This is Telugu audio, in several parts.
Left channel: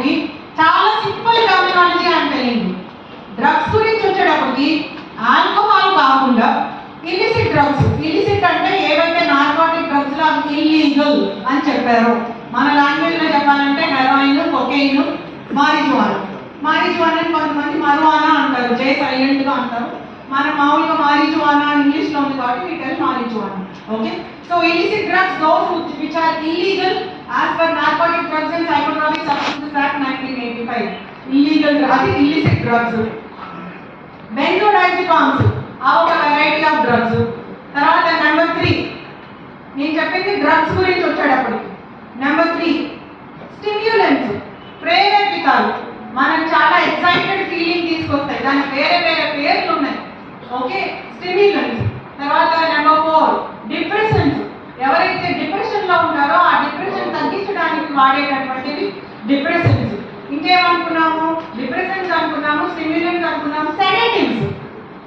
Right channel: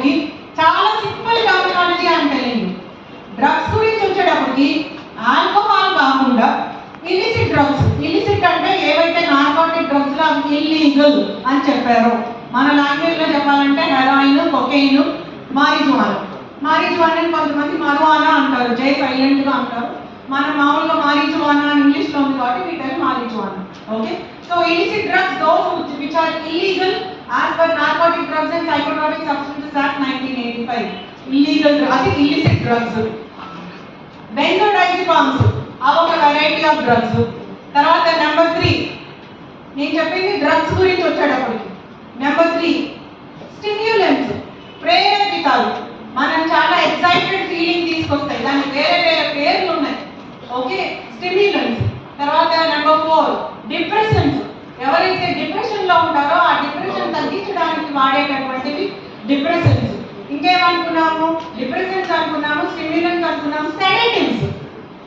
వచ్చేటప్పటికి చాలా సింపుల్ టర్మినాలజీ అని తెలియండి. డ్రగ్స్ గురించి వచ్చేటప్పటికి ఆల్కహాల్ కాకుండా ఇలిసిట్ డ్రగ్స్, ఇలిసిట్ అంటే ఏవైతే నార్కోటిక్ డ్రగ్స్ లో ఇల్లీగల్ అని చెప్పారో, మన లాంగ్వేజ్ లో చెప్పాలంటే హెరాయిన్, కొకైన్, మారిజువానా. మారిజువానా కొంతమంది మరువానా అంటారు, జే సైలెంట్ గా అంటారు. మనం మామూలుగా మారిజువానా ఇంగ్లీష్ లో ఉంది కాబట్టి వీటి marijuana. Okay, so illicit drugs those which are illegal as per Narcotic Drugs and Psychotropic Substances Act 1985. Illegal, అది illicit drugs. Benzodiazepams అవొక వెరైటీ ఆఫ్ డ్రగ్స్. తర్వాత నెంబర్ 3 నేను చెప్పింది డ్రగ్స్ గురించి వచ్చేటప్పటికి. నెంబర్ 3 స్టిమ్యులెంట్స్, ప్రేరేపితాలు. మనం చాలా ఎక్సైటెడ్ ఫీలింగ్ తీసుకొస్తాయి, దానికి వేరే వేరే పేర్లు ఉన్నాయి. Okay, stimulants. తర్వాత నెంబర్ 4 డిప్రెషన్స్. ఎవరైతే డిప్రెషన్ లో ఉంటారో ఆ డిప్రెషన్ తగ్గించడానికి వాడేటటువంటివి డిప్రెషన్స్. ఇంకేమనుకున్నాము, డిప్రెషన్స్ అనుకున్నాము, స్టిమ్యులెంట్స్ అనుకున్నాము, సెడేటివ్స్.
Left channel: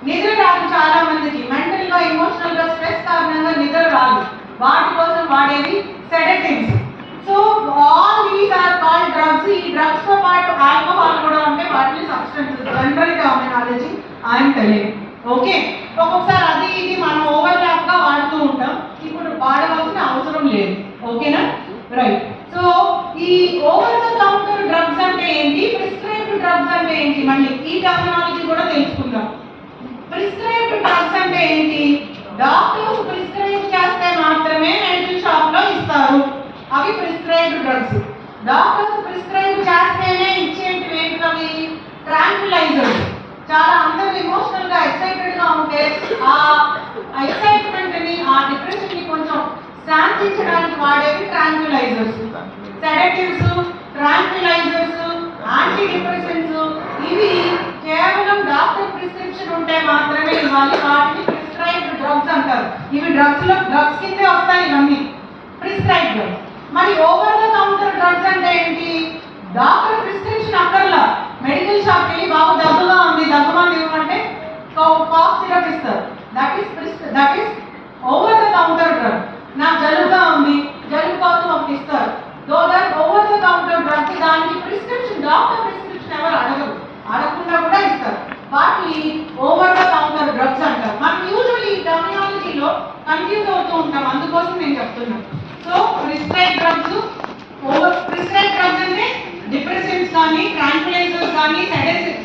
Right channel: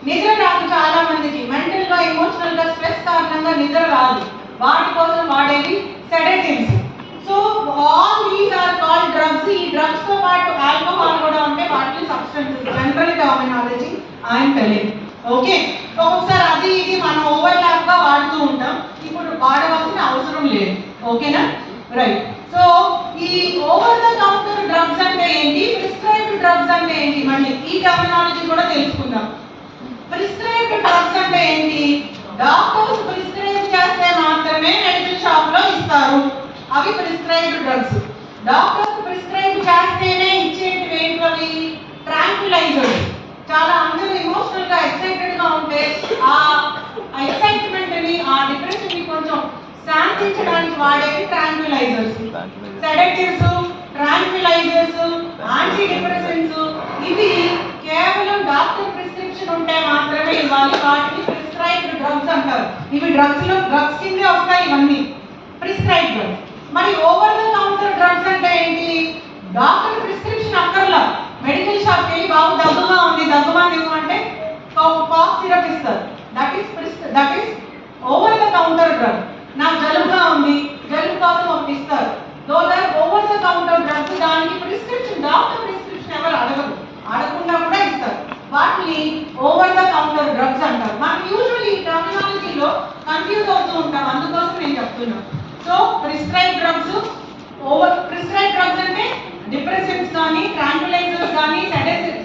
నిద్ర రాదు చాలా మందికి, మెంటల్ గా ఎమోషనల్ గా స్ట్రెస్ కారణంగా నిద్ర రాదు, వాటి కోసం వాడేవి sedatives. So all these are called drugs. ఈ డ్రగ్స్ తో పాటు ఆల్కహాల్ కూడా ఉంటే వాటిని substances, general terminology and telling. Okay, ఒక్కొక్కసారి అది ఇది మనం ఓవర్లాప్ గా వాడుతూ ఉంటాం, ఇప్పుడు వాడవలసిన అవసరం లేదు. ఓకేనా, రైట్. సో ఈ ఓవర్ ద కౌంటర్ డ్రగ్స్ అంటే ఏంటి, ప్రిస్క్రైబ్డ్ డ్రగ్స్ అంటే ఏంటి, మళ్ళీ ఈ టర్మినాలజీ కూడా తెలుసుకుందాం. ప్రిస్క్రైబ్డ్ డ్రగ్స్ అంటే ఏంటి, డాక్టర్స్ ప్రిస్క్రైబ్ చేస్తే మాత్రమే మెడికల్ షాప్ లో ఇస్తారు, అవి ప్రిస్క్రైబ్డ్ డ్రగ్స్. డాక్టర్స్ ప్రిస్క్రైబ్ చేస్తేనే ఇచ్చేటివి ఏంటవి, ట్రాంక్విలైజర్స్. చాలా అందరూ ఎమోషనల్ గా ఎక్సైటెడ్ గా ఉంటే ఆ ఎక్సైట్మెంట్ ని, ఆ డిప్రెషన్ ని కొంచెం శాంతించడానికి వాడేవి tranquilizers. Sedatives, tranquilizers, anti depressants ఇవి కేవలం డాక్టర్ ప్రిస్క్రిప్షన్ ఉంటే మాత్రమే ఇవ్వాలి, వాటిని ప్రిస్క్రైబ్డ్ డ్రగ్స్ అంటారు. ఇవి డ్రగ్స్ లో డ్రగ్స్ కిందే వస్తాయి ఇవన్నీ ప్రిస్క్రైబ్డ్ డ్రగ్స్. మరి ఓవర్ ద కౌంటర్ డ్రగ్స్ అంటే ఏంటి, డాక్టర్ ప్రిస్క్రిప్షన్ అక్కర్లా, మెడికల్ షాప్ కి బాగా దగ్గుగా ఉంది, దగ్గుమని ఇవ్వమంటే కాఫ్ సిరప్ ఇస్తారు, that is over the counter drug. నాకు జలుబుగా ఉంది, జలుబు కోసం ఒకటి ఇస్తారు, those are over the counter drugs. దానికి ప్రిస్క్రిప్షన్, డాక్టర్ ప్రిస్క్రిప్షన్ ఎవరు అడగరు, అడగకుండా కూడా ఇస్తారు, వాటిని ఓవర్ ద కౌంటర్ డ్రగ్స్ అంటారు. మనం యూజువల్లీ టర్మినాలజీలో కన్ఫ్యూజ్ అవుతూ ఉంటాం, అందుకోసం నేను చెప్తున్నాను. So prescribe drugs, over prescribe drugs అంటే డిప్రెసెంట్స్ కానీ, ట్రాంక్విలైజర్స్ కానీ,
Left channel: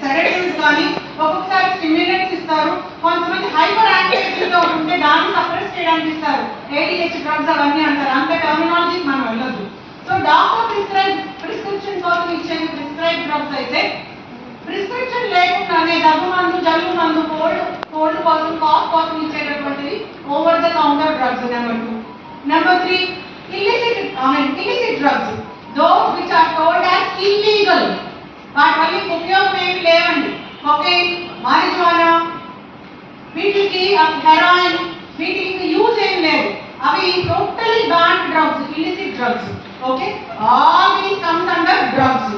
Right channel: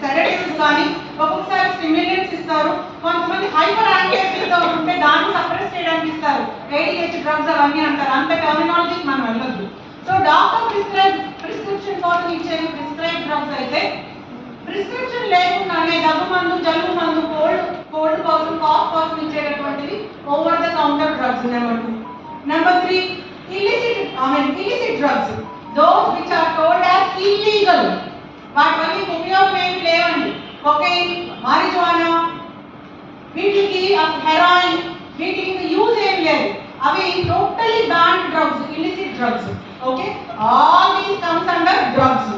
సెడేటివ్స్ కానీ, ఒక్కొక్కసారి స్టిమ్యులెంట్స్ ఇస్తారు. కొంతమంది హైపర్ యాక్టివిటీగా ఉంటే దాన్ని సప్రెస్ చేయడానికి ఇస్తారు, ADHD డ్రగ్స్ అవన్నీ అంటారు. అంత టర్మినాలజీ మనం వెళ్ళొద్దు. సో డాక్టర్ ప్రిస్క్రిప్షన్ కోసం ఇచ్చేవి ప్రిస్క్రైబ్ డ్రగ్స్ అయితే, ప్రిస్క్రిప్షన్ లేకుండానే దగ్గు మందు, జలుబు మందు, కోల్డ్ కోసం, కాఫ్ కోసం ఇచ్చేటటువంటివి over the counter drugs. Number 2. Number 3 illicit drugs, those which are told as illegal. వాటి వల్ల ఉపయోగం ఏమి లేవండి. కొకైన్, మారిజువానా, వీటికి హెరాయిన్, వీటికి యూజ్ ఏం లేదు, అవి totally banned drugs, illicit drugs. Okay, all these comes under drugs.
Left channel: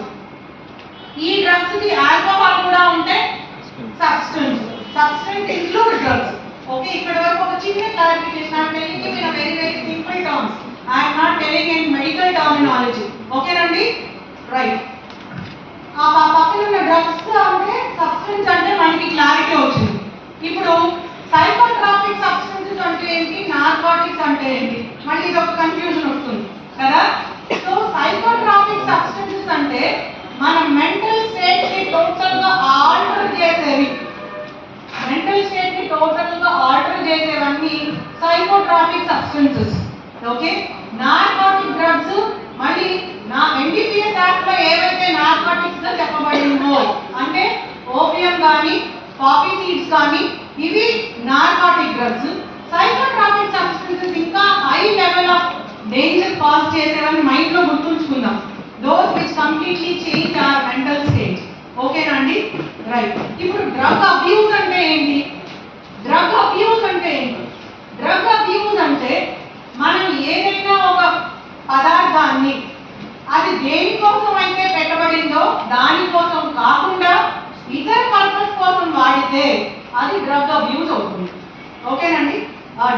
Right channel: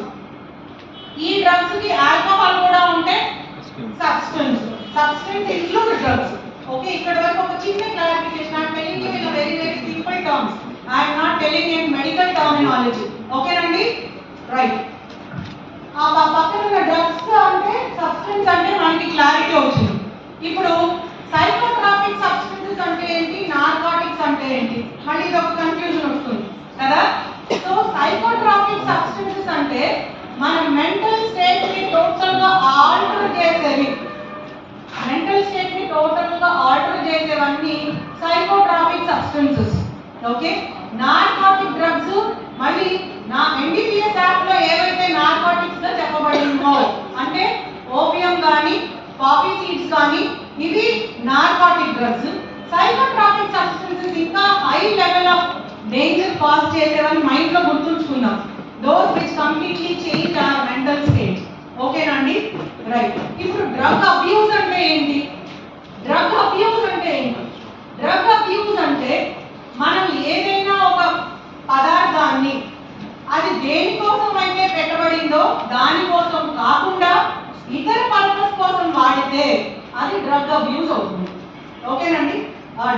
ఈ డ్రగ్స్ కి ఆల్కహాల్ కూడా ఉంటే సబ్స్టెన్స్ ఇంక్లూడ్ డ్రగ్స్. ఓకే, ఇక్కడ వరకు ఒక చిన్న clarification. I am telling you in a very very simple terms. I am not telling in medical terminology. ఓకేనండి, రైట్. ఆ పక్కన ఉన్న డ్రగ్స్ అంటే సబ్స్టెన్స్ అంటే మనకి క్లారిటీ వచ్చింది. ఇప్పుడు సైకోట్రాపిక్ సబ్స్టెన్సెస్ అంటే ఏంటి, నార్కోటిక్స్ అంటే ఏంటి, మళ్ళీ ఇది ఒక కన్ఫ్యూజన్ వస్తుంది కదా. సో సైకోట్రాపిక్ సబ్స్టెన్సెస్ అంటే మన మెంటల్ స్టేట్ ని టోటల్ గా ఆల్టర్ చేసేవి, మెంటల్ స్టేట్ ని టోటల్ గా ఆల్టర్ చేసేవన్నీ psychotropic substances. Okay, narcotic drugs మళ్ళీ నా NDPS యాక్ట్ లో ఏవైతే నార్కోటిక్స్ గా చెప్పబడిందో అంటే ఓపియం కానీ, పాపీ సీడ్స్ కానీ, ఇవి నార్కోటిక్ డ్రగ్స్. సైకోట్రాపిక్ సబ్స్టెన్సెస్ ఇంకా high level of danger cause చేసేవని మైండ్ లో గుర్తుంచుకుందాం. Those which completely change our mental state. ఓకేనా అండి, రైట్. ఇప్పుడు డ్రగ్ అబ్యూస్ అంటే ఏంటి, డ్రగ్ అబ్యూస్ అంటే ఏంటి, డ్రగ్ అబ్యూస్ అంటే మనం ఏదైనా ఒక పదార్థాన్ని అది దేనికోసం అయితే పెట్టబడిందో దానికోసం కాకుండా ఇతర పర్పస్ కోసం వాడితే అది డ్రగ్ అబ్యూస్ అవుతుంది. ఓకేనండి,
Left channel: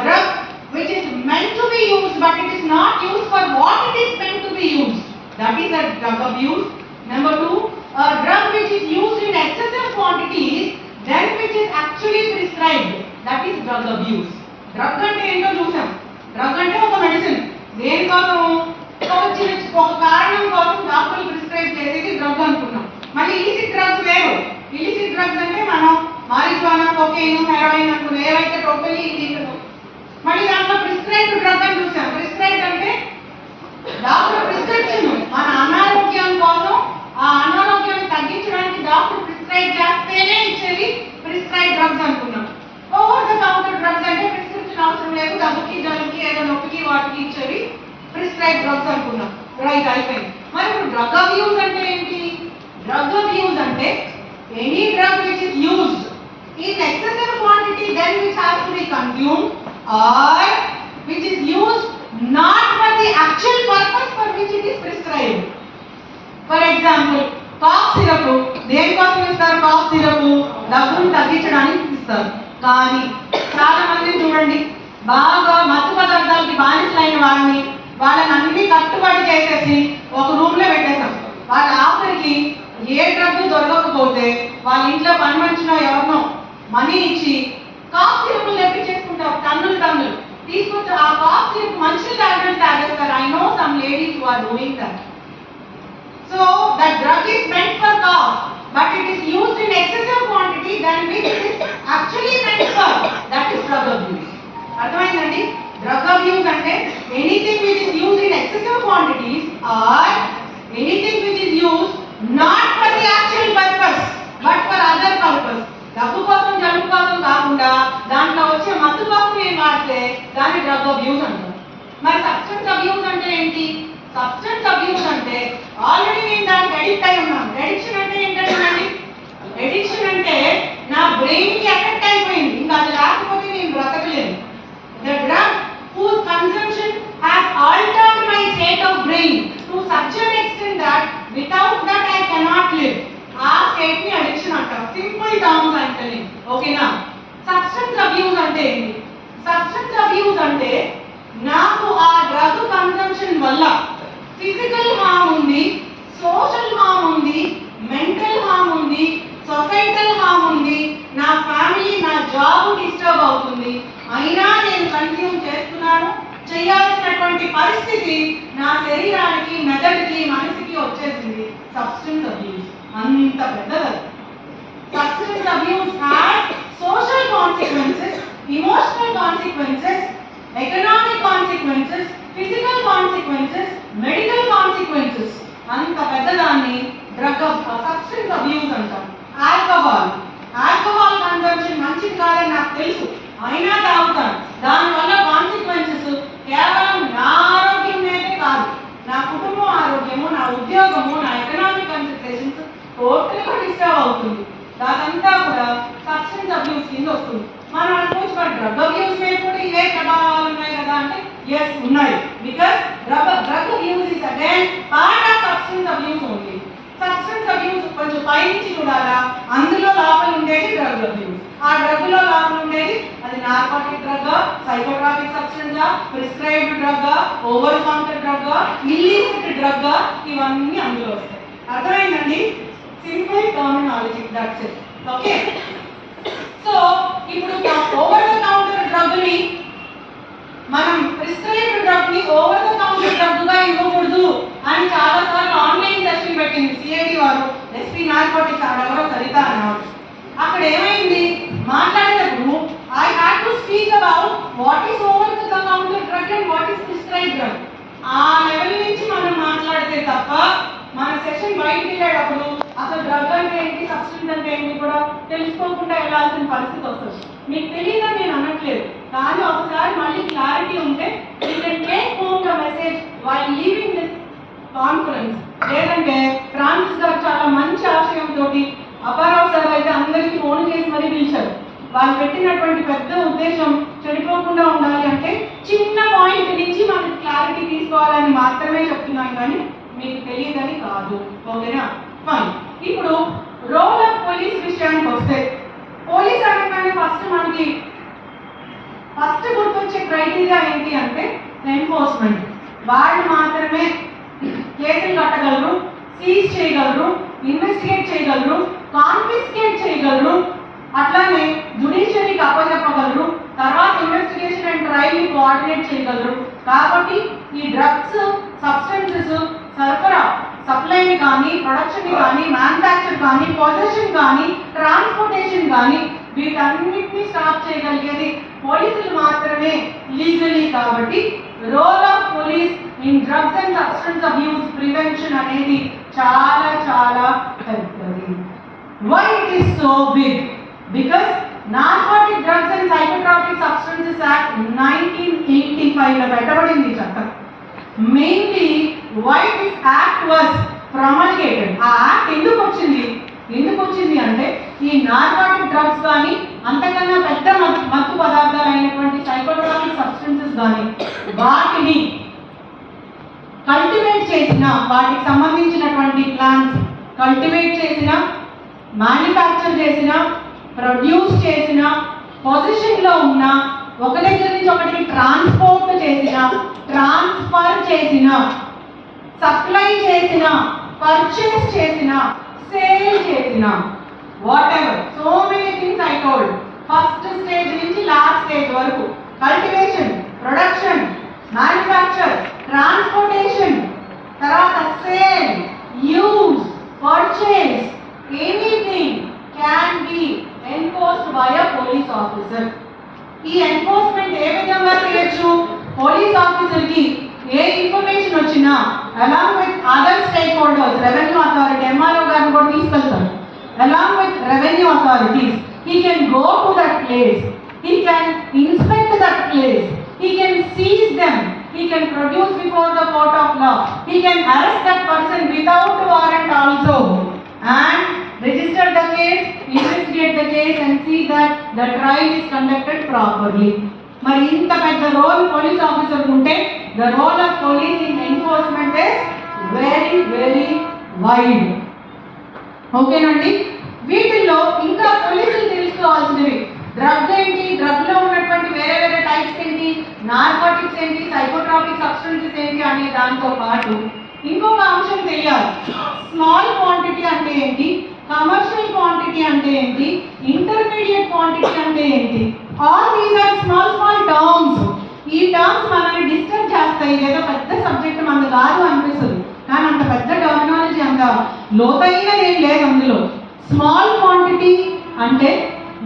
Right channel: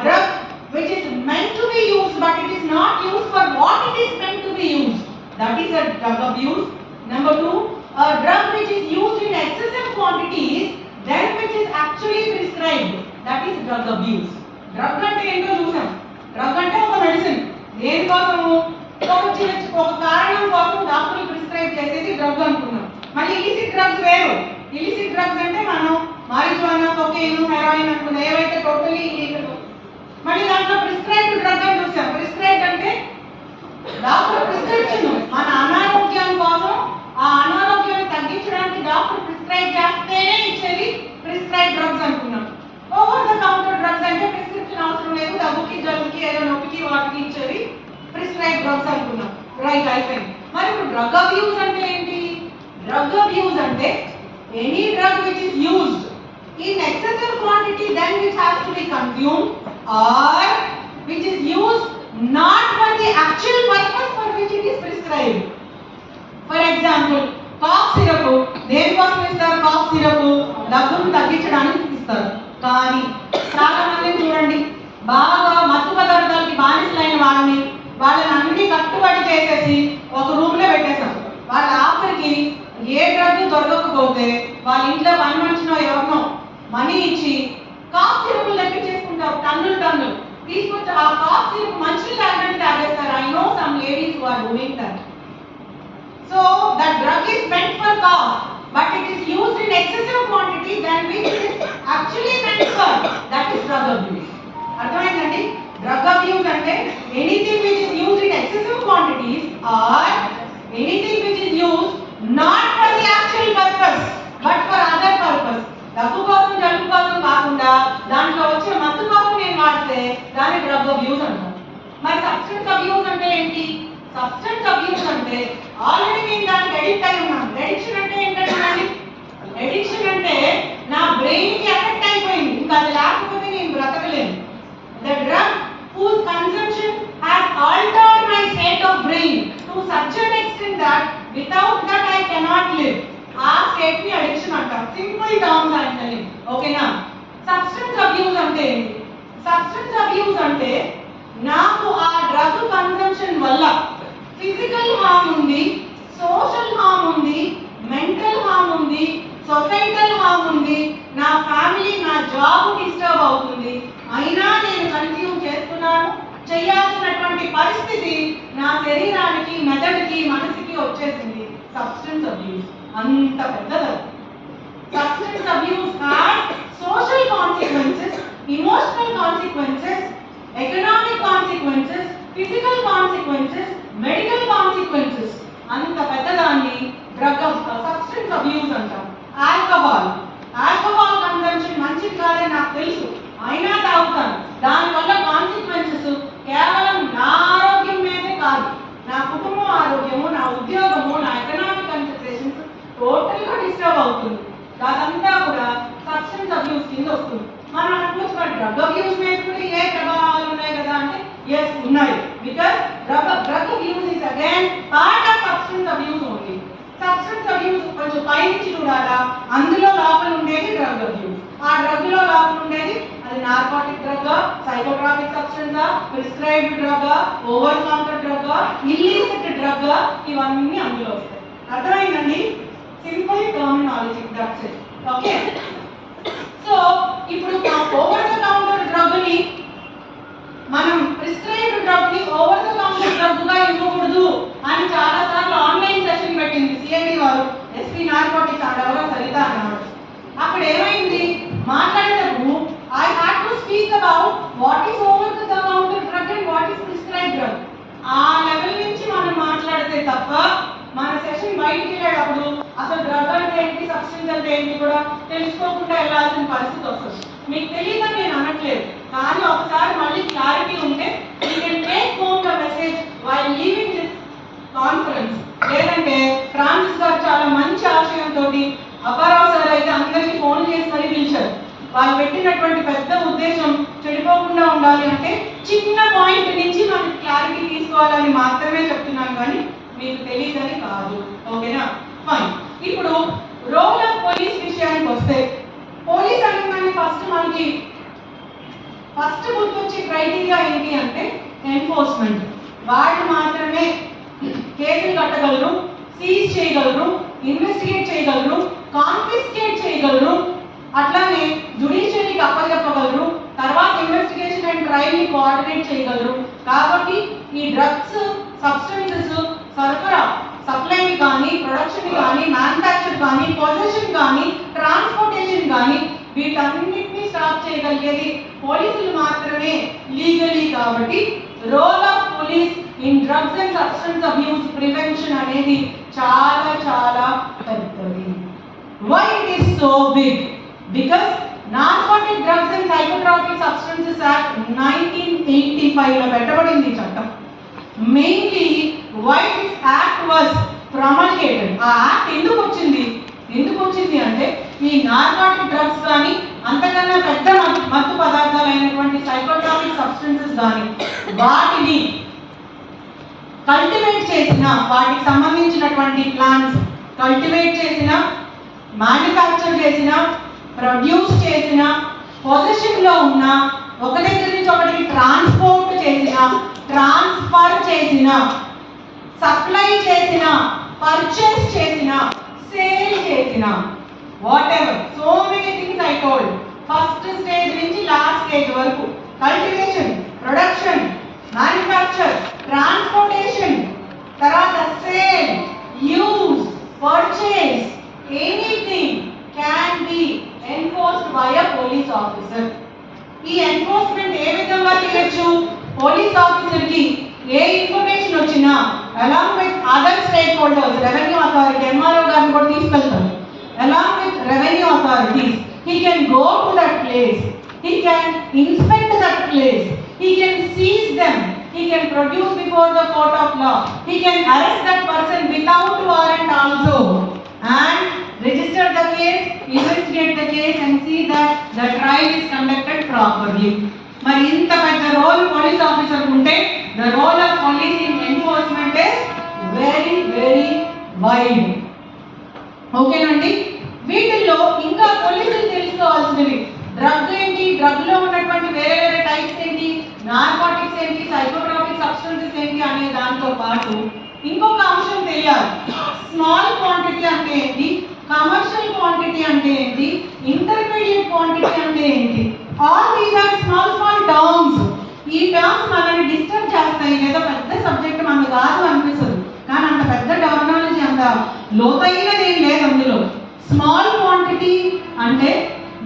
drug which is meant to be used but it is not used for what it is meant to be used, that is a drug abuse. Number two, a drug which is used in excessive quantities, then which is actually prescribed, that is drug abuse. Drug అంటే ఏంటో చూసాం. డ్రగ్ అంటే ఒక మెడిసిన్. దేనికోసము? ఒక కారణం కోసం డాక్టర్లు ప్రిస్క్రైబ్ చేసేది డ్రగ్ అనుకున్నాం. మళ్ళీ ఇలిసిట్ డ్రగ్స్ వేరు. ఇలిసిట్ డ్రగ్స్ అంటే మనం మారిజువానా, కొకైన్, హెరాయిన్ అనుకున్న ఏవైతే టోటలీ ఇల్లీగల్. మళ్ళీ దాంట్లో ప్రిస్క్రైబ్డ్ డ్రగ్ అని చూసాం. ప్రిస్క్రైబ్డ్ అంటే డాక్టర్ ప్రిస్క్రిప్షన్, మన అనారోగ్యం కోసం ఆ అనారోగ్యాన్ని తగ్గించడానికి డాక్టర్ ప్రిస్క్రైబ్ చేస్తేనే ఇచ్చేది ప్రిస్క్రైబ్ డ్రగ్స్ అనుకున్నాం. ఓవర్ ద కౌంటర్ డ్రగ్స్ అంటే ప్రిస్క్రిప్షన్ అవసరం లేదు, దగ్గుకి జలుబుకి ఏదో నొప్పికి వాటికి ఇచ్చేవి ప్రిస్క్రైబ్ డ్రగ్స్ అనుకున్నాం. రైట్, అయిపోయింది. మరి ఇప్పుడు డ్రగ్ అబ్యూస్ అంటే ఏంటి? డ్రగ్ అబ్యూస్ అంటే any drug which is used in excessive quantity then which has to be consumed or which is used not for the actual purpose for which it is prescribed. For example, cough syrup దేనికోసం ఇస్తారు? కాఫ్ సిరప్ దగ్గును తగ్గించడానికి ఇస్తారు. కానీ చాలా మంది చూడండి, బాగా మత్తు పదార్థాలకి బానిసలైన వాళ్ళని అన్ని కట్టుబడి చేసేసి ఒక రూమ్ లో పెట్టేశాం. వాళ్ళ ఆఖరికి ఏ డ్రగ్ దొరకకపోతే వాళ్ళ ఇంట్లో పని మనిషినో ఎవరినో మనీ ఇచ్చి కాఫ్ సిరప్లు తెప్పించేసుకుంటారు. టన్నులు తీసుకొచ్చి ఆ కాఫ్ సిరప్ మంచి టాబ్లెట్ తాగేస్తారు. I know some ladies who are doing that. So that drug is meant for cough, but it is used in excessive quantity than which it is actually meant for. That is drug abuse. అర్థమైందండి? డ్రగ్ అబ్యూస్ అంటే anything which is used in excessive quantities or anything which is used not for the actual purpose but for other purpose. దగ్గు కోసం జలుబు కోసం కాకుండా దాంట్లో వచ్చే మత్తు కోసం నేను వాడితే దాన్ని డ్రగ్ అబ్యూస్ అంటాం. మరి సబ్స్టెన్స్ అబ్యూస్ అంటే ఏంటి? సబ్స్టెన్స్ అబ్యూస్ అంటే ఆల్రెడీ నేను దానికి అడిక్ట్ అయి ఉన్నాను. ఎడిక్షన్ అంటే ఏంటంటే, ఎడిక్షన్ అంటే నా బ్రెయిన్ కి ఎఫెక్ట్ అయిపోయింది, ఇంకా అది లేకపోతే నేను బ్రతకలేను. The drug whose consumption has altered my state of brain to such an extent that without that I cannot live. ఆ స్టేట్ ని అడిక్షన్ అంటారు. సింపుల్ టర్మ్స్ అంటే ఓకేనా? సబ్స్టెన్స్ అబ్యూస్ అంటే ఏంటి? సబ్స్టెన్స్ అబ్యూస్ అంటే నాకు ఆ డ్రగ్ కన్సంప్షన్ వల్ల ఫిజికల్ హార్మ్ ఉంది, సోషల్ హార్మ్ ఉంది, మెంటల్ హార్మ్ ఉంది, సొసైటల్ హార్మ్ ఉంది, నా ఫ్యామిలీ నా జాబ్ డిస్టర్బ్ అవుతుంది, అయినా నేను కంటిన్యూ చేస్తున్నాను. చేయాల్సినటువంటి పరిస్థితి నా శరీరానికి, మెదడుకి, మనసుకి వచ్చేసింది. సబ్స్టెన్స్ అబ్యూస్ అంత పెద్దది. Substance abuse has social consequences, emotional consequences, economic consequences, physical consequences, medical consequences. అంత పెద్దదాన్ని డ్రగ్ సబ్స్టెన్స్ అబ్యూస్ అంటాం. ఆల్కహాల్ కన్సంప్షన్ మంచిది కాదని నాకు తెలుసు, అయినా తాగుతాను. దానివల్ల కాన్సిక్వెన్సెస్ కేవలం నా ఆరోగ్యం మీదే కాదు, నా కుటుంబం ఆరోగ్యము, నా ఉద్యోగము, నా ఎకనామిక్ కన్సిక్వెన్సెస్ టోటల్ గా డిస్టర్బ్ అవుతుంది. దానంతా కూడా సబ్స్టెన్స్ అబ్యూస్ కింద వస్తుంది. మనం అనుకోవచ్చు డ్రగ్ అబ్యూస్ మీద కూడా ఇవే ప్రభావాలు ఉన్నాయి కదా అంటే, ఎస్ ఉన్నాయి. Because drug abuse is again part of substance abuse only. Substance abuse కొంచెం పైనుంచి చూడాలా, అందులో లోపల ఉండేది డ్రగ్ అబ్యూస్. ఆ డ్రగ్ లో లోపల ఉండేది అది narcotic drug, psychotropic substance, prescribed drug, over counter drug, illicit drug, ఇవన్నీ అందులో వస్తాయి. అర్థమైందండి? Simple terminology, that's it. Okay, so ఇప్పుడు ఓవర్ ద కౌంటర్ డ్రగ్ ని మనం ప్రిస్క్రైబ్డ్ డ్రగ్ ని ఓవర్ ద కౌంటర్ డ్రగ్ గా ఇవ్వకూడదు అని చాలా సార్లు ఆన్లైన్ సెషన్ పెట్టింది సిఐడి వారు, ఎస్పీ నార్కోటిక్స్ ఆడవరో సరిత అన్నారు. అక్కడ ఏమైంది, మాట్లాడేటప్పుడు I had to speak about what is over the counter drug and what is prescribed drug. ఆ లెవెల్ నుంచి మనం మాట్లాడితే తప్ప మన సెషన్ బయటికి వెళ్ళేటప్పుడు అసలు డ్రగ్ అంటే ఏంటి, సబ్స్టెన్స్ అంటే ఏంటి కూడా తెలుసుకోకుండా వెళ్ళాల్సిన పరిస్థితి వస్తుంది. మీకు తెలియదని నేను అనట్లేదు, కానీ ఒకసారి మళ్ళీ క్లారిటీ ఉంటే you can take home the message while leaving this conference. లేదంటే ఫ్రాన్సిస్ గారు చాలా మంచి ఆశయంతో అపారావు సార్ అయితే అందరికీ ఫోన్ చేసి మరీ పిలిచారు. వాళ్ళు పెట్టినటువంటి పెద్ద ఉద్దేశం చెడిపోకుండా ఉండాలి అంటే చిన్న పాయింట్ నుంచి మనకి క్లారిటీ తీసుకోవాలని మాత్రమే చెప్తున్నాను, కానీ మీకు తెలియదని కాదు. ఓకేనా? ఫైన్. ఇప్పుడు రోల్ ఆఫ్ పోలీస్ విషయానికి వస్తే, పోలీస్ అనగానే మనకి ఫస్ట్ గుర్తొచ్చే క్రైటీరియా ఏంటి అంటే ఎన్ఫోర్స్మెంట్. వాళ్ళు మాత్రమే కేసులు కట్టగలరు, సీజ్ చేయగలరు, ఇన్వెస్టిగేట్ చేయగలరు, కాన్ఫిస్కేట్ చేయగలరు, అట్లానే జ్యుడిషియరీకి అప్పచెప్పగలరు, తర్వాత ఇన్వెస్టిగేషన్ అండ్ ట్రయల్ ని కోఆర్డినేట్ చేయగలరు. కాబట్టి ఈ డ్రగ్స్ సబ్స్టెన్సెస్ సరఫరా సప్లై కానీ, ప్రొడక్షన్ కానీ, మ్యానుఫ్యాక్చర్ కానీ, పొజిషన్ కానీ, ట్రాన్స్పోర్టేషన్ కానీ వీటన్నిటిని స్టాప్ చేయగలిగేది పోలీసులు మాత్రమే లీగలీ. కాబట్టి role of police in drugs and substance abuse prevention అనేది చాలా చాలా పెద్దది. Why it is so big? Because narcotic drugs and psychotropic substances act 1985 లో పెట్టబడింది ఈ చట్టం. Mainly why this act was promulgated. ఆ యాక్ట్ ఎందుకు వచ్చింది అంటే ఈ నార్కోటిక్ డ్రగ్స్ కానీ, అంతకన్నా పెద్ద మత్తు పదార్థాలు అయినటువంటి సైకోట్రాపిక్ సబ్స్టెన్సెస్ కానీ వాటిని కల్టివేట్ చేసిన, వాటికి సంబంధించినటువంటి ప్లాంట్స్ కల్టివేట్ చేసిన, మ్యానుఫ్యాక్చర్ చేసిన, ప్రొడ్యూస్ చేసిన, పొజిషన్ లో ఉన్న, ఒక దగ్గర నుంచి ఒకటికి ట్రాన్స్పోర్ట్ చేసిన, ట్రాన్స్ఫర్ చేసిన, సప్లై చేసిన, పర్చేస్ చేసిన, సేల్ చేసిన, what ever so many things I told. First stage నుంచి లాస్ట్ స్టేజ్ వరకు కల్టివేషన్, ప్రొడక్షన్, మ్యానుఫ్యాక్చర్, ట్రాన్స్పోర్టేషన్, తర్వాత sale, use, purchase, anything can be enforced by a police officer. ఈ ఎన్ఫోర్స్మెంట్ ఏ విధంగా చేయొచ్చు? పోలీస్ ఆఫీసర్ కి ఏ ఇన్ఫర్మేషన్ వచ్చినా along with other stake holders, revenue authority, MRO గారిని కూడా తీసుకెళ్తారు. Along with revenue authorities he can go to that place, he can inspect that place, he can seize them, he can produce before the court of law, he can arrest that person without warrant also, and register the case, investigate the case and see that the trial is conducted properly. మరి ఇంత పెద్ద రోల్ పోలీస్ ఆఫీసర్ ఉంటే the role of police in enforcement is very very wide. ఓకేనండి. వీటిల్లో ఇంకా పోలీసులు తెలుసుకోవాల్సినవి డ్రగ్ ఏంటి, డ్రగ్ లో ఉన్నటువంటి వేరే వేరే టైప్స్ ఏంటి, నార్కోటిక్స్ ఏంటి, సైకోట్రాపిక్ సబ్స్టెన్సెస్ ఏంటి అనే దాంతో పాటు ఇంకొక అంశం తెలియాలి. స్మాల్ క్వాంటిటీ అంటే ఏంటి, కమర్షియల్ క్వాంటిటీ అంటే ఏంటి, ఇంటర్మీడియట్ క్వాంటిటీ అంటే ఏంటి. All these are small small terms. ఈ టర్మ్స్ మనల్ని డిస్టర్బ్ చేస్తాయి. ఏదో పెద్ద సబ్జెక్ట్ మనకు కాదు అనిపిస్తుంది, కానీ అంత పెద్ద టర్మినాలజీ అంత లోతైనది ఏం లేదు అందులో. స్మాల్ క్వాంటిటీ అంటే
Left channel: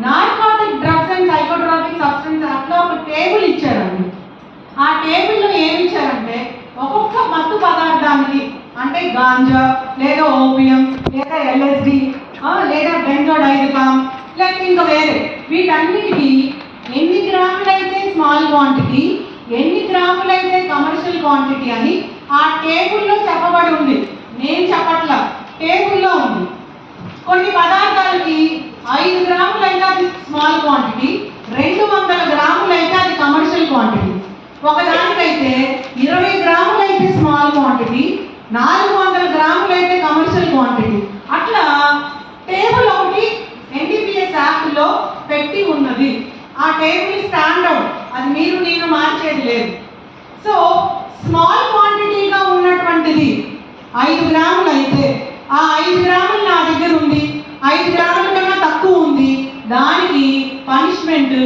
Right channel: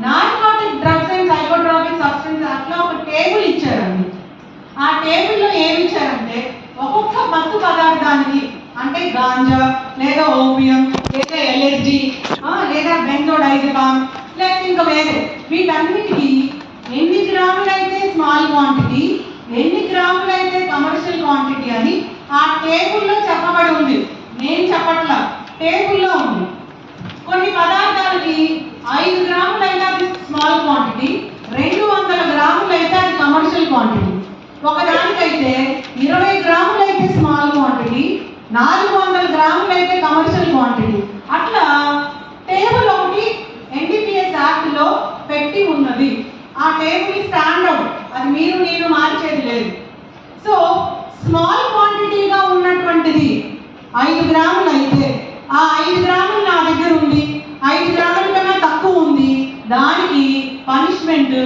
narcotic drugs and psychotropic substance అట్లా ఒక టేబుల్ ఇచ్చారండి. ఆ టేబుల్లో ఏమి ఇచ్చారంటే ఒక్కొక్క మత్తు పదార్థానికి, అంటే గాంజా లేదా ఓపియం లేదా ఎల్ఎస్డి లేదా బెంజోడైజపామ్ లేక ఇంకా వేరే, వీటన్నిటికీ ఎన్ని గ్రాములైతే స్మాల్ క్వాంటిటీ, ఎన్ని గ్రాములైతే కమర్షియల్ క్వాంటిటీ అని ఆ టేబుల్లో చెప్పబడి ఉంది. నేను చెప్పట్లా, టేబుల్లో ఉంది. కొన్ని పదార్థాలకి 5 గ్రాములైతే అది స్మాల్ క్వాంటిటీ, 200 గ్రాములైతే అది కమర్షియల్ క్వాంటిటీ. ఒకదానికైతే 20 గ్రాములైతే స్మాల్ క్వాంటిటీ, 400 గ్రాములైతే కమర్షియల్ క్వాంటిటీ. అట్లా టేబుల్ ఒకటి ఎన్డీపీఎస్ యాక్ట్ లో పెట్టి ఉన్నది. ఆ టేబుల్ స్టాండ్ అవుట్, అది మీరు నేను మార్చేది లేదు. సో స్మాల్ క్వాంటిటీగా ఉన్నటువంటిది 5 గ్రాములు అయితే ఆ 5 గ్రాములు నా దగ్గర ఉంది, 5 గ్రాముల కన్నా తక్కువ ఉంది, దానికి పనిష్మెంట్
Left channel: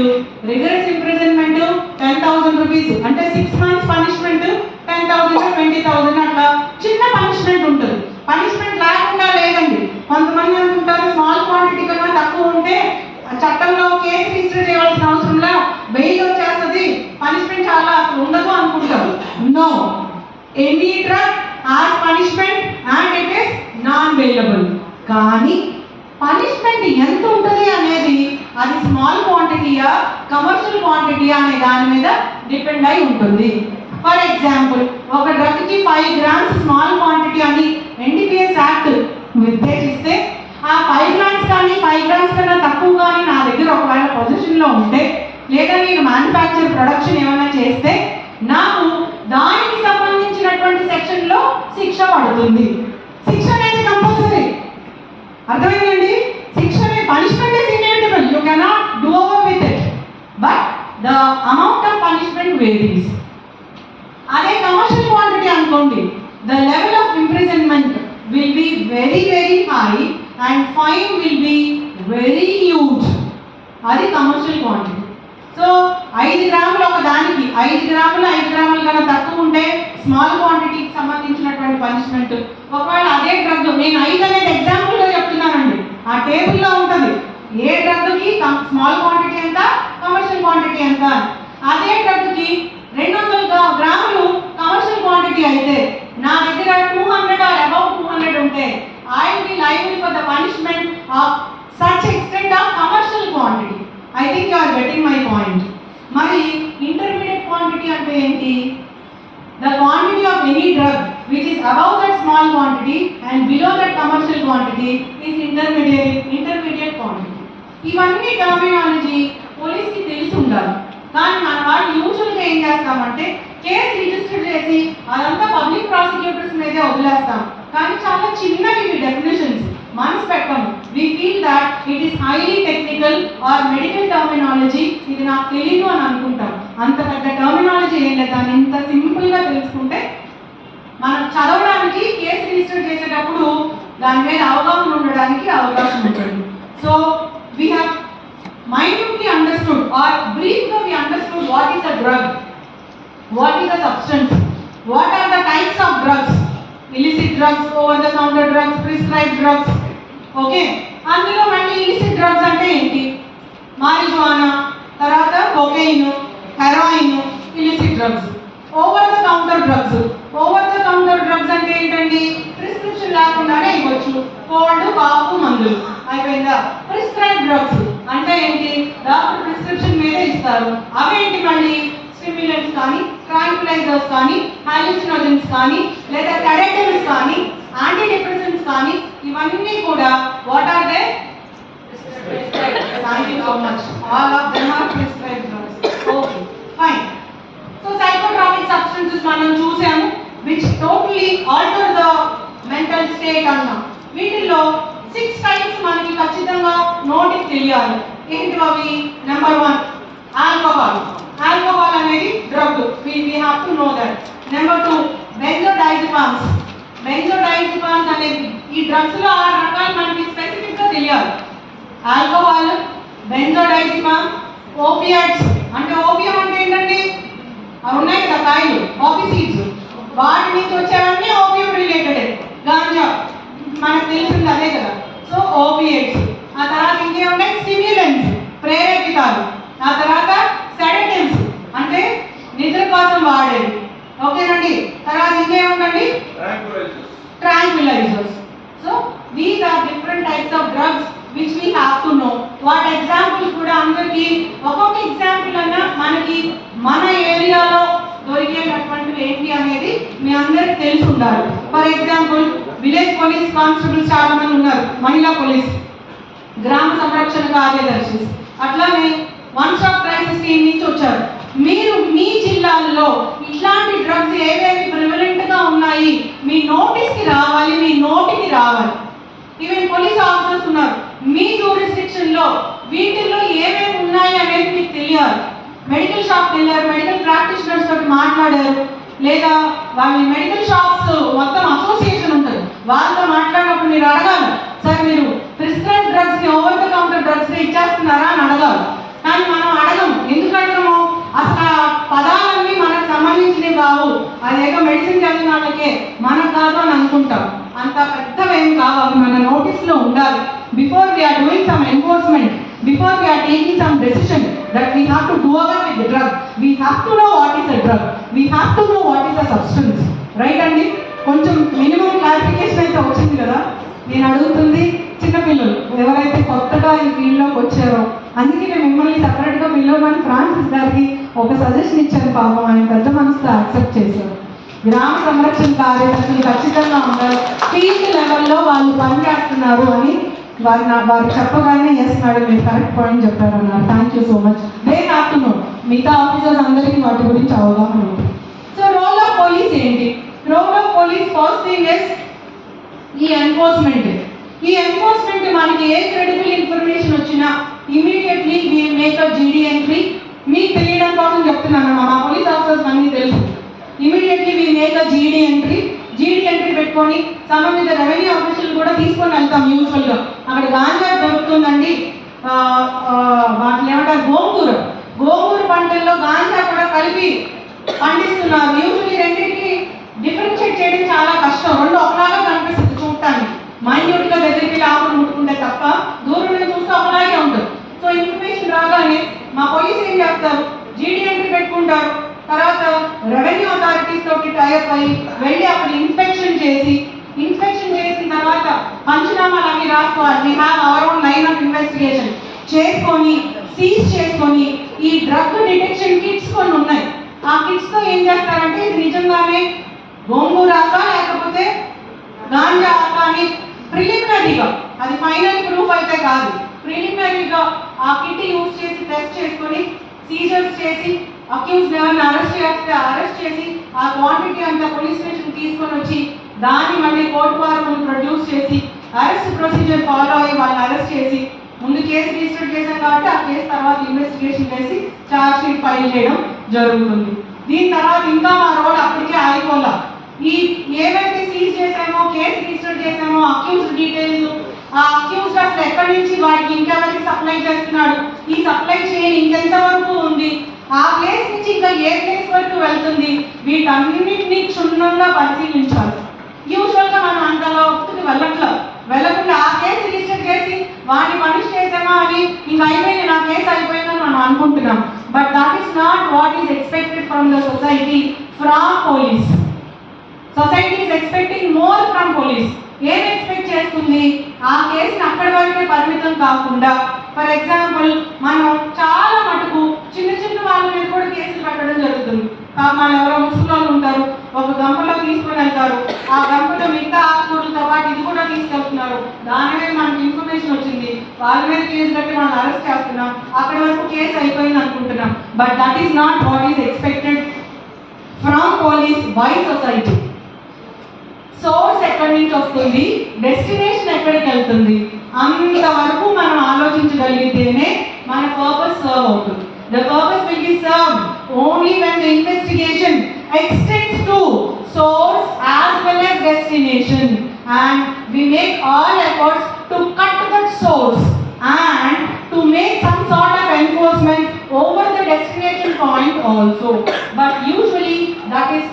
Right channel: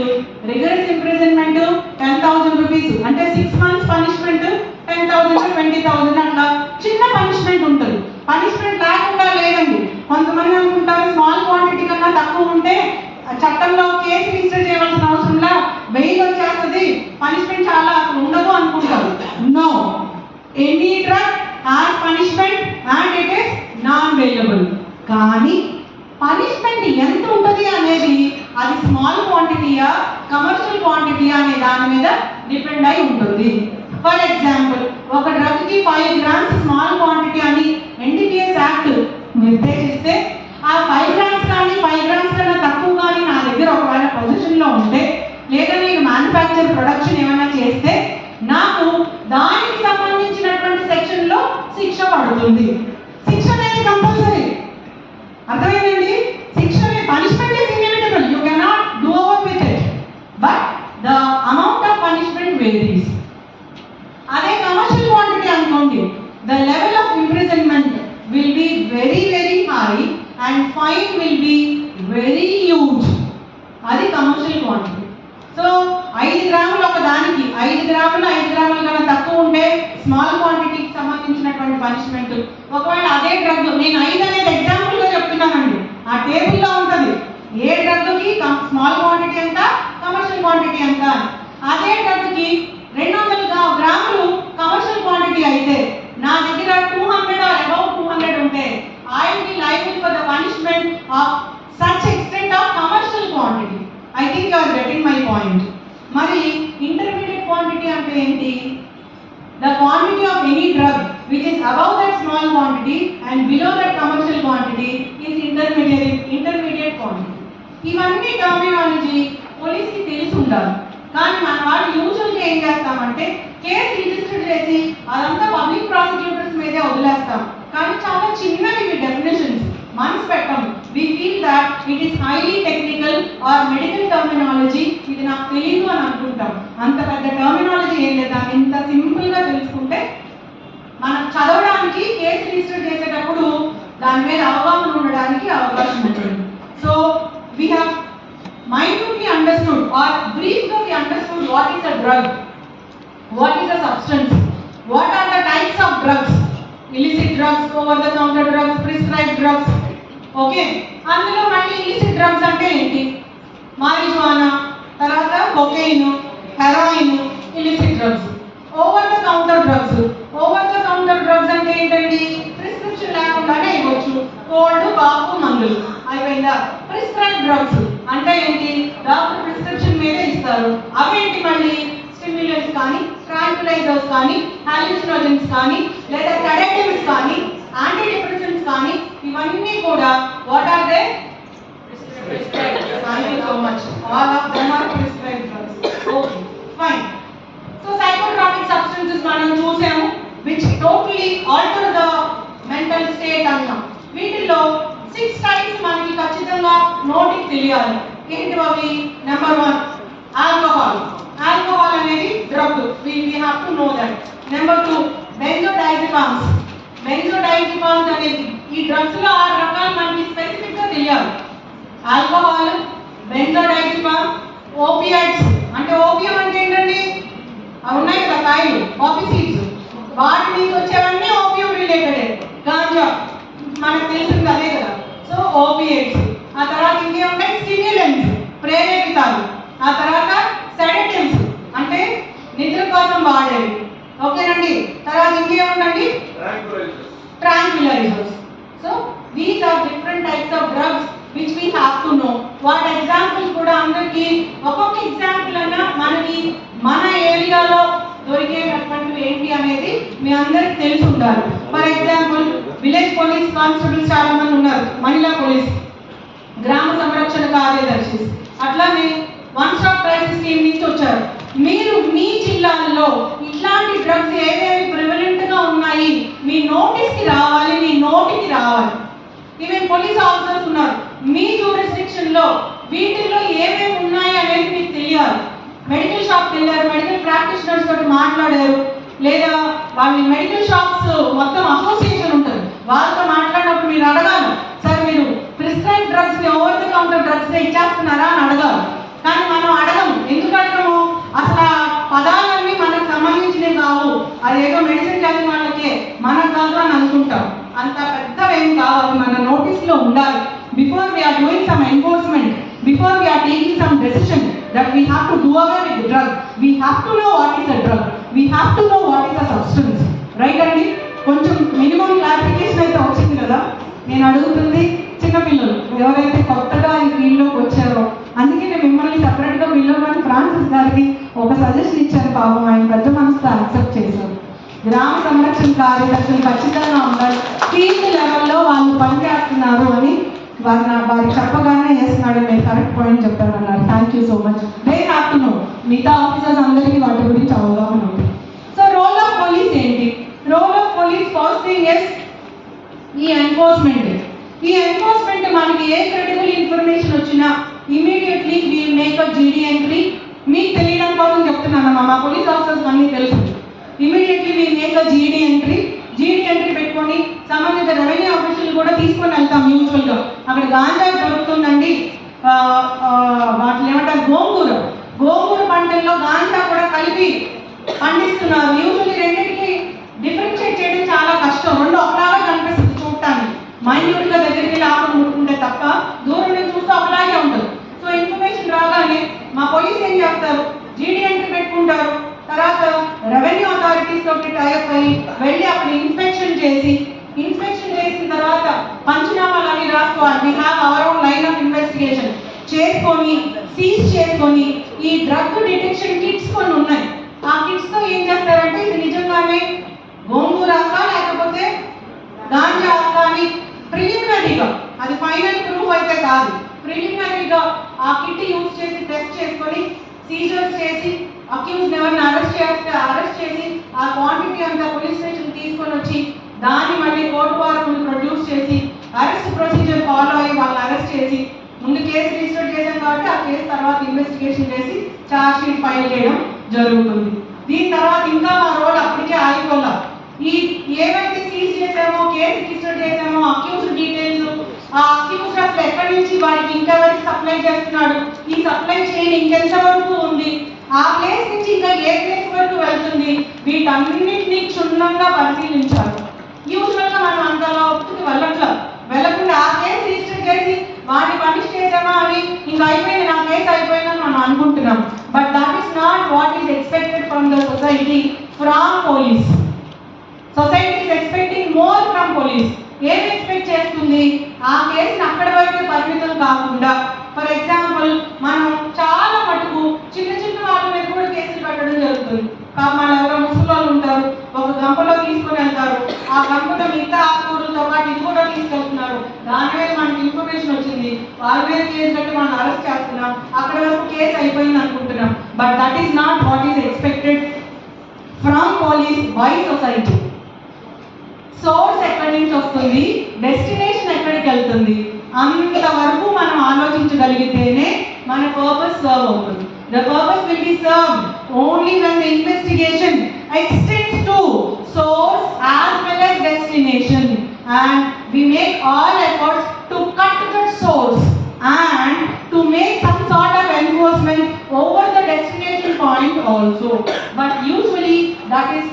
రిగరస్ ఇంప్రిజన్మెంట్ 10,000 రూపీస్, అంటే 6 months పనిష్మెంట్, 10,000 20,000 అట్లా చిన్న పనిష్మెంట్ ఉంటుంది. పనిష్మెంట్ లేకుండా లేదండి. కొంతమంది అనుకుంటారు స్మాల్ క్వాంటిటీ కన్నా తక్కువ ఉంటే చట్టంలో కేసు రిజిస్టర్ చేయాల్సిన అవసరంలా బెయిల్ వచ్చేస్తుంది, పనిష్మెంట్ చాలా అసలు ఉండదు అనుకుంటారు. No, any drug has punishment and it is non bailable. కానీ పనిష్మెంట్ ఎంత ఉంటుంది అనేది అది స్మాల్ క్వాంటిటీయా కమర్షియల్ క్వాంటిటీయా అనే దాని మీద డిపెండ్ అయి ఉంటుంది. ఫర్ ఎగ్జాంపుల్, ఒక డ్రగ్ కి 5 grams స్మాల్ క్వాంటిటీ అని ఎన్డీపీఎస్ యాక్ట్ నిర్దేశిస్తే ఆ 5 grams కానీ 5 grams కన్నా తక్కువ కానీ నా దగ్గర ఒకవేళ పొజిషన్ లో ఉంటే, లేదా నేను మ్యానుఫ్యాక్చర్ ప్రొడక్షన్ ఏమైనా చేస్తే నాకు దానికి సంబంధించినటువంటి సెక్షన్ లో శిక్ష పడుతుంది. శిక్ష అనేది కంపల్సరీ. అర్థమైందండి? శిక్ష punishment is inevitable, you cannot do over with it, but the amount of punishment varies. అదే కమర్షియల్ క్వాంటిటీ అనుకోండి, the level of imprisonment will be very very high and fine will be very huge. అది కమర్షియల్ క్వాంటిటీ. సో 5 గ్రాములు ఒక దానికి 5 గ్రాముల కన్నా తక్కువ ఉంటే స్మాల్ క్వాంటిటీకి సంబంధించినటువంటి పనిష్మెంట్. ఒకవేళ అదే డ్రగ్, నేను 5 అనేది ఎగ్జాంపుల్గా చెప్తున్నానండి, ఆ టేబుల్లో ఉంటుంది ఏ డ్రగ్కి స్మాల్ క్వాంటిటీ ఎంత, కమర్షియల్ క్వాంటిటీ ఎంత. అదే డ్రగ్కి 200 గ్రాములు కమర్షియల్ క్వాంటిటీ అయితే నా దగ్గర 200 or above 200 ఉంటే I will be liable for the punishment of such extent of commercial quantity. I think you are getting my point. మరి intermediate quantity అంటే ఏంటి? The quantity of any drug which is above that small quantity and below that commercial quantity is intermediate quantity. ఇవన్నీ టర్మినాలజీ పోలీస్కి తెలిసి ఉండాలి. కానీ మన వాళ్ళు యూజువల్గా ఏం చేస్తామంటే కేసు రిజిస్టర్ చేసి అదంతా పబ్లిక్ ప్రాసిక్యూటర్స్ మీదే వదిలేస్తాం. కానీ చాలా చిన్నవి ఇవి డెఫినేషన్స్ మనసు పెట్టము. We feel that it is highly technical or medical terminology, ఇది నాకు తెలియదు అని అనుకుంటాం. అంత పెద్ద టర్మినాలజీ ఏం లేదు, దాన్ని ఇంత సింపుల్గా తెలుసుకుంటే మనం చదవడానికి కేసు రిజిస్టర్ చేసేటప్పుడు దాని మీద అవగాహన ఉండడానికి అవకాశం ఉంటుంది. So we have minutely understood or briefly we understood what is a drug, what is a substance, what are the types of drugs, illicit drugs, over the counter drugs, prescribed drugs. Okay, అందులో మళ్ళీ illicit drugs అంటే ఏంటి? marijuana, తర్వాత cocaine, heroin, illicit drugs. over the counter drugs అంటే ఏంటండి? ప్రిస్క్రిప్షన్ లేకుండానే ఇవ్వచ్చు, కోల్డ్ కాఫ్ మందులు అయిపోయిందా. ప్రిస్క్రైబ్డ్ డ్రగ్స్ అంటే ఏంటి? డాక్టర్ ప్రిస్క్రిప్షన్ మీదే ఇస్తారు. అవేంటి? మళ్ళీ స్టిమ్యులెంట్స్ కానీ, ట్రాంక్యులైజర్స్ కానీ, హాలుసినోజన్స్ కానీ, లేదా సెడేటివ్స్ కానీ, యాంటీ డిప్రెసెంట్స్ కానీ, ఇవన్నీ కూడా what are they? Thank you so much. All of them are prescribed drugs. Okay, fine. So psychotropic substances మనం చూసాము which totally alter the mental state అన్నాం. వీటిలో 6 types మనకి ఖచ్చితంగా నోటికి తెలియాలి. ఏంటి అవి? Number 1 alcohol. ఆల్కహాల్ అనేది drug, we have to know that. Number 2 బెంజోడైజెపామ్స్. బెంజోడైజెపామ్స్ అనేది ఈ డ్రగ్స్ లో 6 రకాలు మనకి స్పెసిఫిక్ గా తెలియాలి. Alcohol, benzodiazepam, opioids. అంటే ఓపియం అంటే ఏంటండి? అవి ఉన్నాయి కదా కాయలు, పాపీ సీడ్స్, వాటి నుంచి వచ్చేవన్నీ ఓపియం రిలేటెడ్. గాంజా మనకు తెలిసింది అదే కదా. So opiates. ఆ తర్వాత ఇంకేమున్నాయి? స్టిమ్యులెంట్స్, ప్రేరేపితాలు. ఆ తర్వాత సెడేటివ్స్ అంటే నిద్ర కోసం వాడేవి. ఓకేనండి. తర్వాత ఇంకేముందండి? Tranquilizers. So these are different types of drugs which we have to know. What examples కూడా అందరికీ ఒక్కొక్క ఎగ్జాంపుల్ అన్నా మనకి మన ఏరియాలో దొరికేటటువంటివి ఏంటి అనేది మీ అందరికి తెలిసి ఉండాలి. For example village police constables చాలా మంది ఉన్నారు, మహిళా పోలీస్, గ్రామ సంరక్షణ కార్యదర్శి, అట్లానే వన్ స్టాప్ క్రైసిస్ టీమ్ నుంచి వచ్చారు. మీరు మీ జిల్లాల్లో ఇట్లాంటి డ్రగ్స్ ఏవేవి ప్రివలెంట్ గా ఉన్నాయి మీ నోటీస్కి రావాలి, మీ నోటికి రావాలి. ఈవెన్ పోలీస్ ఆఫీసర్స్ ఉన్నారు, మీ జూరిస్డిక్షన్ లో వీటిల్లో ఏమేమి ఉన్నాయి అనేది మీకు తెలియాలి. మెడికల్ షాప్కి వెళ్ళారు, మెడికల్ ప్రాక్టీషనర్స్ తోటి మాట్లాడారు, లేదా వాళ్ళ మెడికల్ షాప్స్ మొత్తం అసోసియేషన్ ఉంటుంది, వాళ్ళతో మాట్లాడినప్పుడు మీరు అడగాలి, సార్ మీరు ప్రిస్క్రైబ్ డ్రగ్స్ ని ఓవర్ ద కౌంటర్ డ్రగ్స్ ని ఇచ్చేస్తున్నారా అని అడగాలి. కానీ మనం అడగము. ఎందుకు అడగము? అసలు ఆ పదాలన్నీ మనకు సంబంధించినవి కావు, అదేదో మెడిసిన్ చదివిన వాళ్ళకే, మనకు కాదు అని అనుకుంటాం. అంత పెద్దవేం కావాలి, మన నోటీస్ లో ఉండాలి. Before we are doing some enforcement, before we are taking some decision that we have to do away with the drug, we have to know what is a drug, we have to know what is a substance, right అండి? కొంచెం మినిమం క్లారిఫికేషన్ అయితే వచ్చింది కదా. నేను అడుగుతుంది చిన్నపిల్లలు ఎవరైతే కొత్తగా ఈ ఫీల్డ్లోకి వచ్చారో, అందుకే నేను మిమ్మల్ని సపరేట్గా పిల్లలని ఫ్రాన్సిస్ గారికి ఒక సజెషన్ ఇచ్చాను. పాపం ఆయన పెద్ద మనసుతో యాక్సెప్ట్ చేశారు. గ్రామ సంరక్షణ కార్యదర్శులు ఖచ్చితంగా ఉండాలి, ఫీల్డ్ లెవెల్లో వాళ్ళు పనిచేస్తున్నారు అని వారు చెప్పగానే చేస్తున్నాడు, మీరు కరెక్ట్ పాయింట్ చెప్పారన్నారు. Thank you so much. They have to know. మిగతా ఆఫీసర్స్ అందరికీ వాటి గురించి అవగాహన ఉంది. సో రోల్ ఆఫ్ పోలీస్ ఏంటి? Role of police first thing is ఈ ఎన్ఫోర్స్మెంట్. ఈ ఎన్ఫోర్స్మెంట్ మనకి ఏ క్రిటికల్ ఇన్ఫర్మేషన్ వచ్చినా immediately we make a GD entry. మీకు తెలియడం కోసం చెప్తున్నాను, మా పోలీస్ ఆఫీసర్స్ అన్నీ తెలుసు. Immediately we make a GD entry. జీడీ ఎంట్రీ పెట్టుకొని సంబంధిత రెవెన్యూ ఆఫీసులు కూడా తీసుకొని వెళ్తాం యూజువల్గా. అక్కడ గాంజా దొరుకుతుందండి, వాటిని ఏమంటారు, గోంగూర పంటల్లో గాంజా కూడా కలిపి పండిస్తున్నారు. యూజువల్లీ రెండింటికి డిఫరెన్షియేట్ చేయడం చాలా కష్టం, రెండు ఒకలాగా కనిపిస్తుంది చూడటానికి. మైన్యూట్గా దగ్గరికి వెళ్ళి ఆకులు ముట్టుకుంటే తప్ప దూరం నుంచి చూస్తే ఒకలాగే ఉంటుంది. సో ఇన్ఫర్మేషన్ రాగానే మా పోలీస్ ఏం చేస్తారు, జీడీ ఎంట్రీ పెట్టుకుంటారు. తర్వాత రెవెన్యూ అథారిటీస్ తోటి టైప్ అయ్యి వెళ్ళి అక్కడ ఇన్స్పెక్షన్ చేసిన తర్వాత పంచనామాలు అవి రాసుకోవాలి. We have our own line of investigation చేసుకొని సీజ్ చేసుకొని ఈ డ్రగ్ డిటెక్షన్ కిట్స్ కొన్ని ఉన్నాయి. ఆ కిట్స్ తో ఏం చేస్తారంటే ఇది నిజంగానే గోంగూర లేకపోతే గాంజా అని ప్రిలిమినరీగా, అది ఫైనల్ ప్రూఫ్ అయితే కాదు, ప్రిలిమినరీగా ఆ కిట్ యూజ్ చేసి టెస్ట్ చేసుకొని సీజర్స్ చేసి అక్యూజ్డ్ ఎవరిని అరెస్ట్ చేసి ఆ క్వాంటిటీ అంతా పోలీస్ స్టేషన్ తీసుకొని వచ్చి దాన్ని మళ్ళీ కోర్టు వారు ప్రొడ్యూస్ చేసి అరెస్ట్ ప్రొసీజర్ ఫాలో అయ్యి వాళ్ళని అరెస్ట్ చేసి ముందు కేసు రిజిస్టర్ చేశాం కాబట్టి ఆ కేసు తర్వాత ఇన్వెస్టిగేషన్ చేసి ఛార్జ్ షీట్ ఫైల్ చేయడం జరుగుతుంది. దీని తర్వాత ఇంకా మా రోల్ అప్పటికే ఆగిపోలా. ఈ ఏవైతే సీజ్ చేసామో, కేసు రిజిస్టర్ చేసామో, అక్యూజ్డ్ డీటెయిల్స్, ఆ అక్యూజ్డ్ అసలు ఎక్కడి నుంచి వాడికి ఇంకెవరికి సప్లై చేస్తున్నాడు, ఈ సప్లై చైన్ ఇంకెంత వరకు ఉంది, ఆ ప్లేస్ నుంచి ఇంకా ఏ ప్లేస్ వరకు వెళ్తుంది, వీటన్నిటిని క్షుణ్ణంగా పరిశీలించాలి. యూజువల్గా మనం అంతలా ఒత్తిడి వెళ్ళకుండా ఆ కేసు రిజిస్టర్ చేసి వాటిని పనిష్ చేసామో అవి ఇంకా అయిపోయింది, నా కేసు అయిపోయిందని మనం అనుకుంటున్నాం. But that is not what is expected from the society, from police. Society is expecting more from police. ఏం ఎక్స్పెక్ట్ చేస్తుంది, ఆ కేసుని అక్కడి వరకే పరిమితం కాకుండా, ఫర్ ఎగ్జాంపుల్ మనం చాలా మటుకు చిన్న వాళ్ళ మీద కూడా కేసులు పెట్టడం జరుగుతుంది. మన ఎవరో ముసలి ఉంటారు, ఒక గంపలో తీసుకొని వెళ్తారు, ఆ గంపలో మిగతా ఆకుకూరలతో పాటు ఇది కూడా తీసుకెళ్తున్నారు, దాని మీద మనకి ఇన్ఫర్మేషన్ వచ్చింది, వాళ్ళ మీద కేసు పెట్టి మనం అరెస్ట్ చేస్తున్నాం, అక్కడి వరకు కేసు అయిపోయింది అనుకుంటున్నాం. But that is not what is expected from police by society. Source ఎక్కడి నుంచి వస్తుంది, డెస్టినేషన్ ఎక్కడికి వెళ్తుంది, అంతవరకు మనం ఆలోచించగలిగితేనే మన పర్పస్ సర్వ్ అవుతుంది. The purpose will be served only when the investigation extends to source as well as destination, and we make all efforts to cut that source and to make some sort of enforcement over the destination point also. But usually that is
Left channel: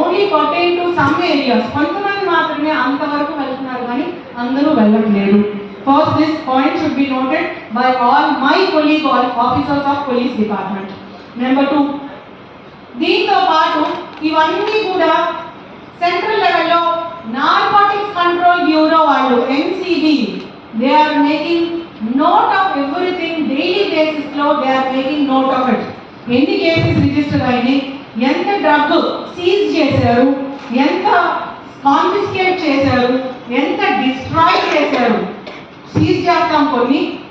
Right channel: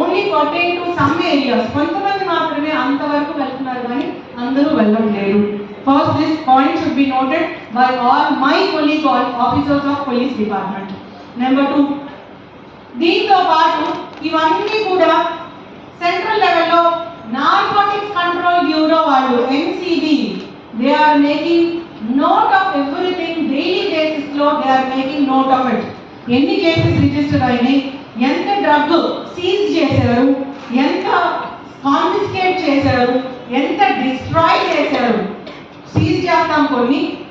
only pertain to some areas. కొంతమంది మాత్రమే అంతవరకు వెళ్తున్నారు కానీ అందరూ వెళ్ళట్లేరు. First, this point should be noted by all my colleague officers of police department. Number 2, దీంతో పాటు ఇవన్నీ కూడా సెంట్రల్ లెవెల్లో నార్కోటిక్స్ కంట్రోల్ బ్యూరో వాళ్ళు NCB, they are making note of everything daily basis లో, they are making note of it. ఎన్ని కేసెస్ రిజిస్టర్ అయినాయి, ఎంత డ్రగ్ సీజ్ చేశారు, ఎంత కాన్ఫిస్కేట్ చేశారు, ఎంత డిస్ట్రాయ్ చేశారు. సీజ్ చేస్తాం,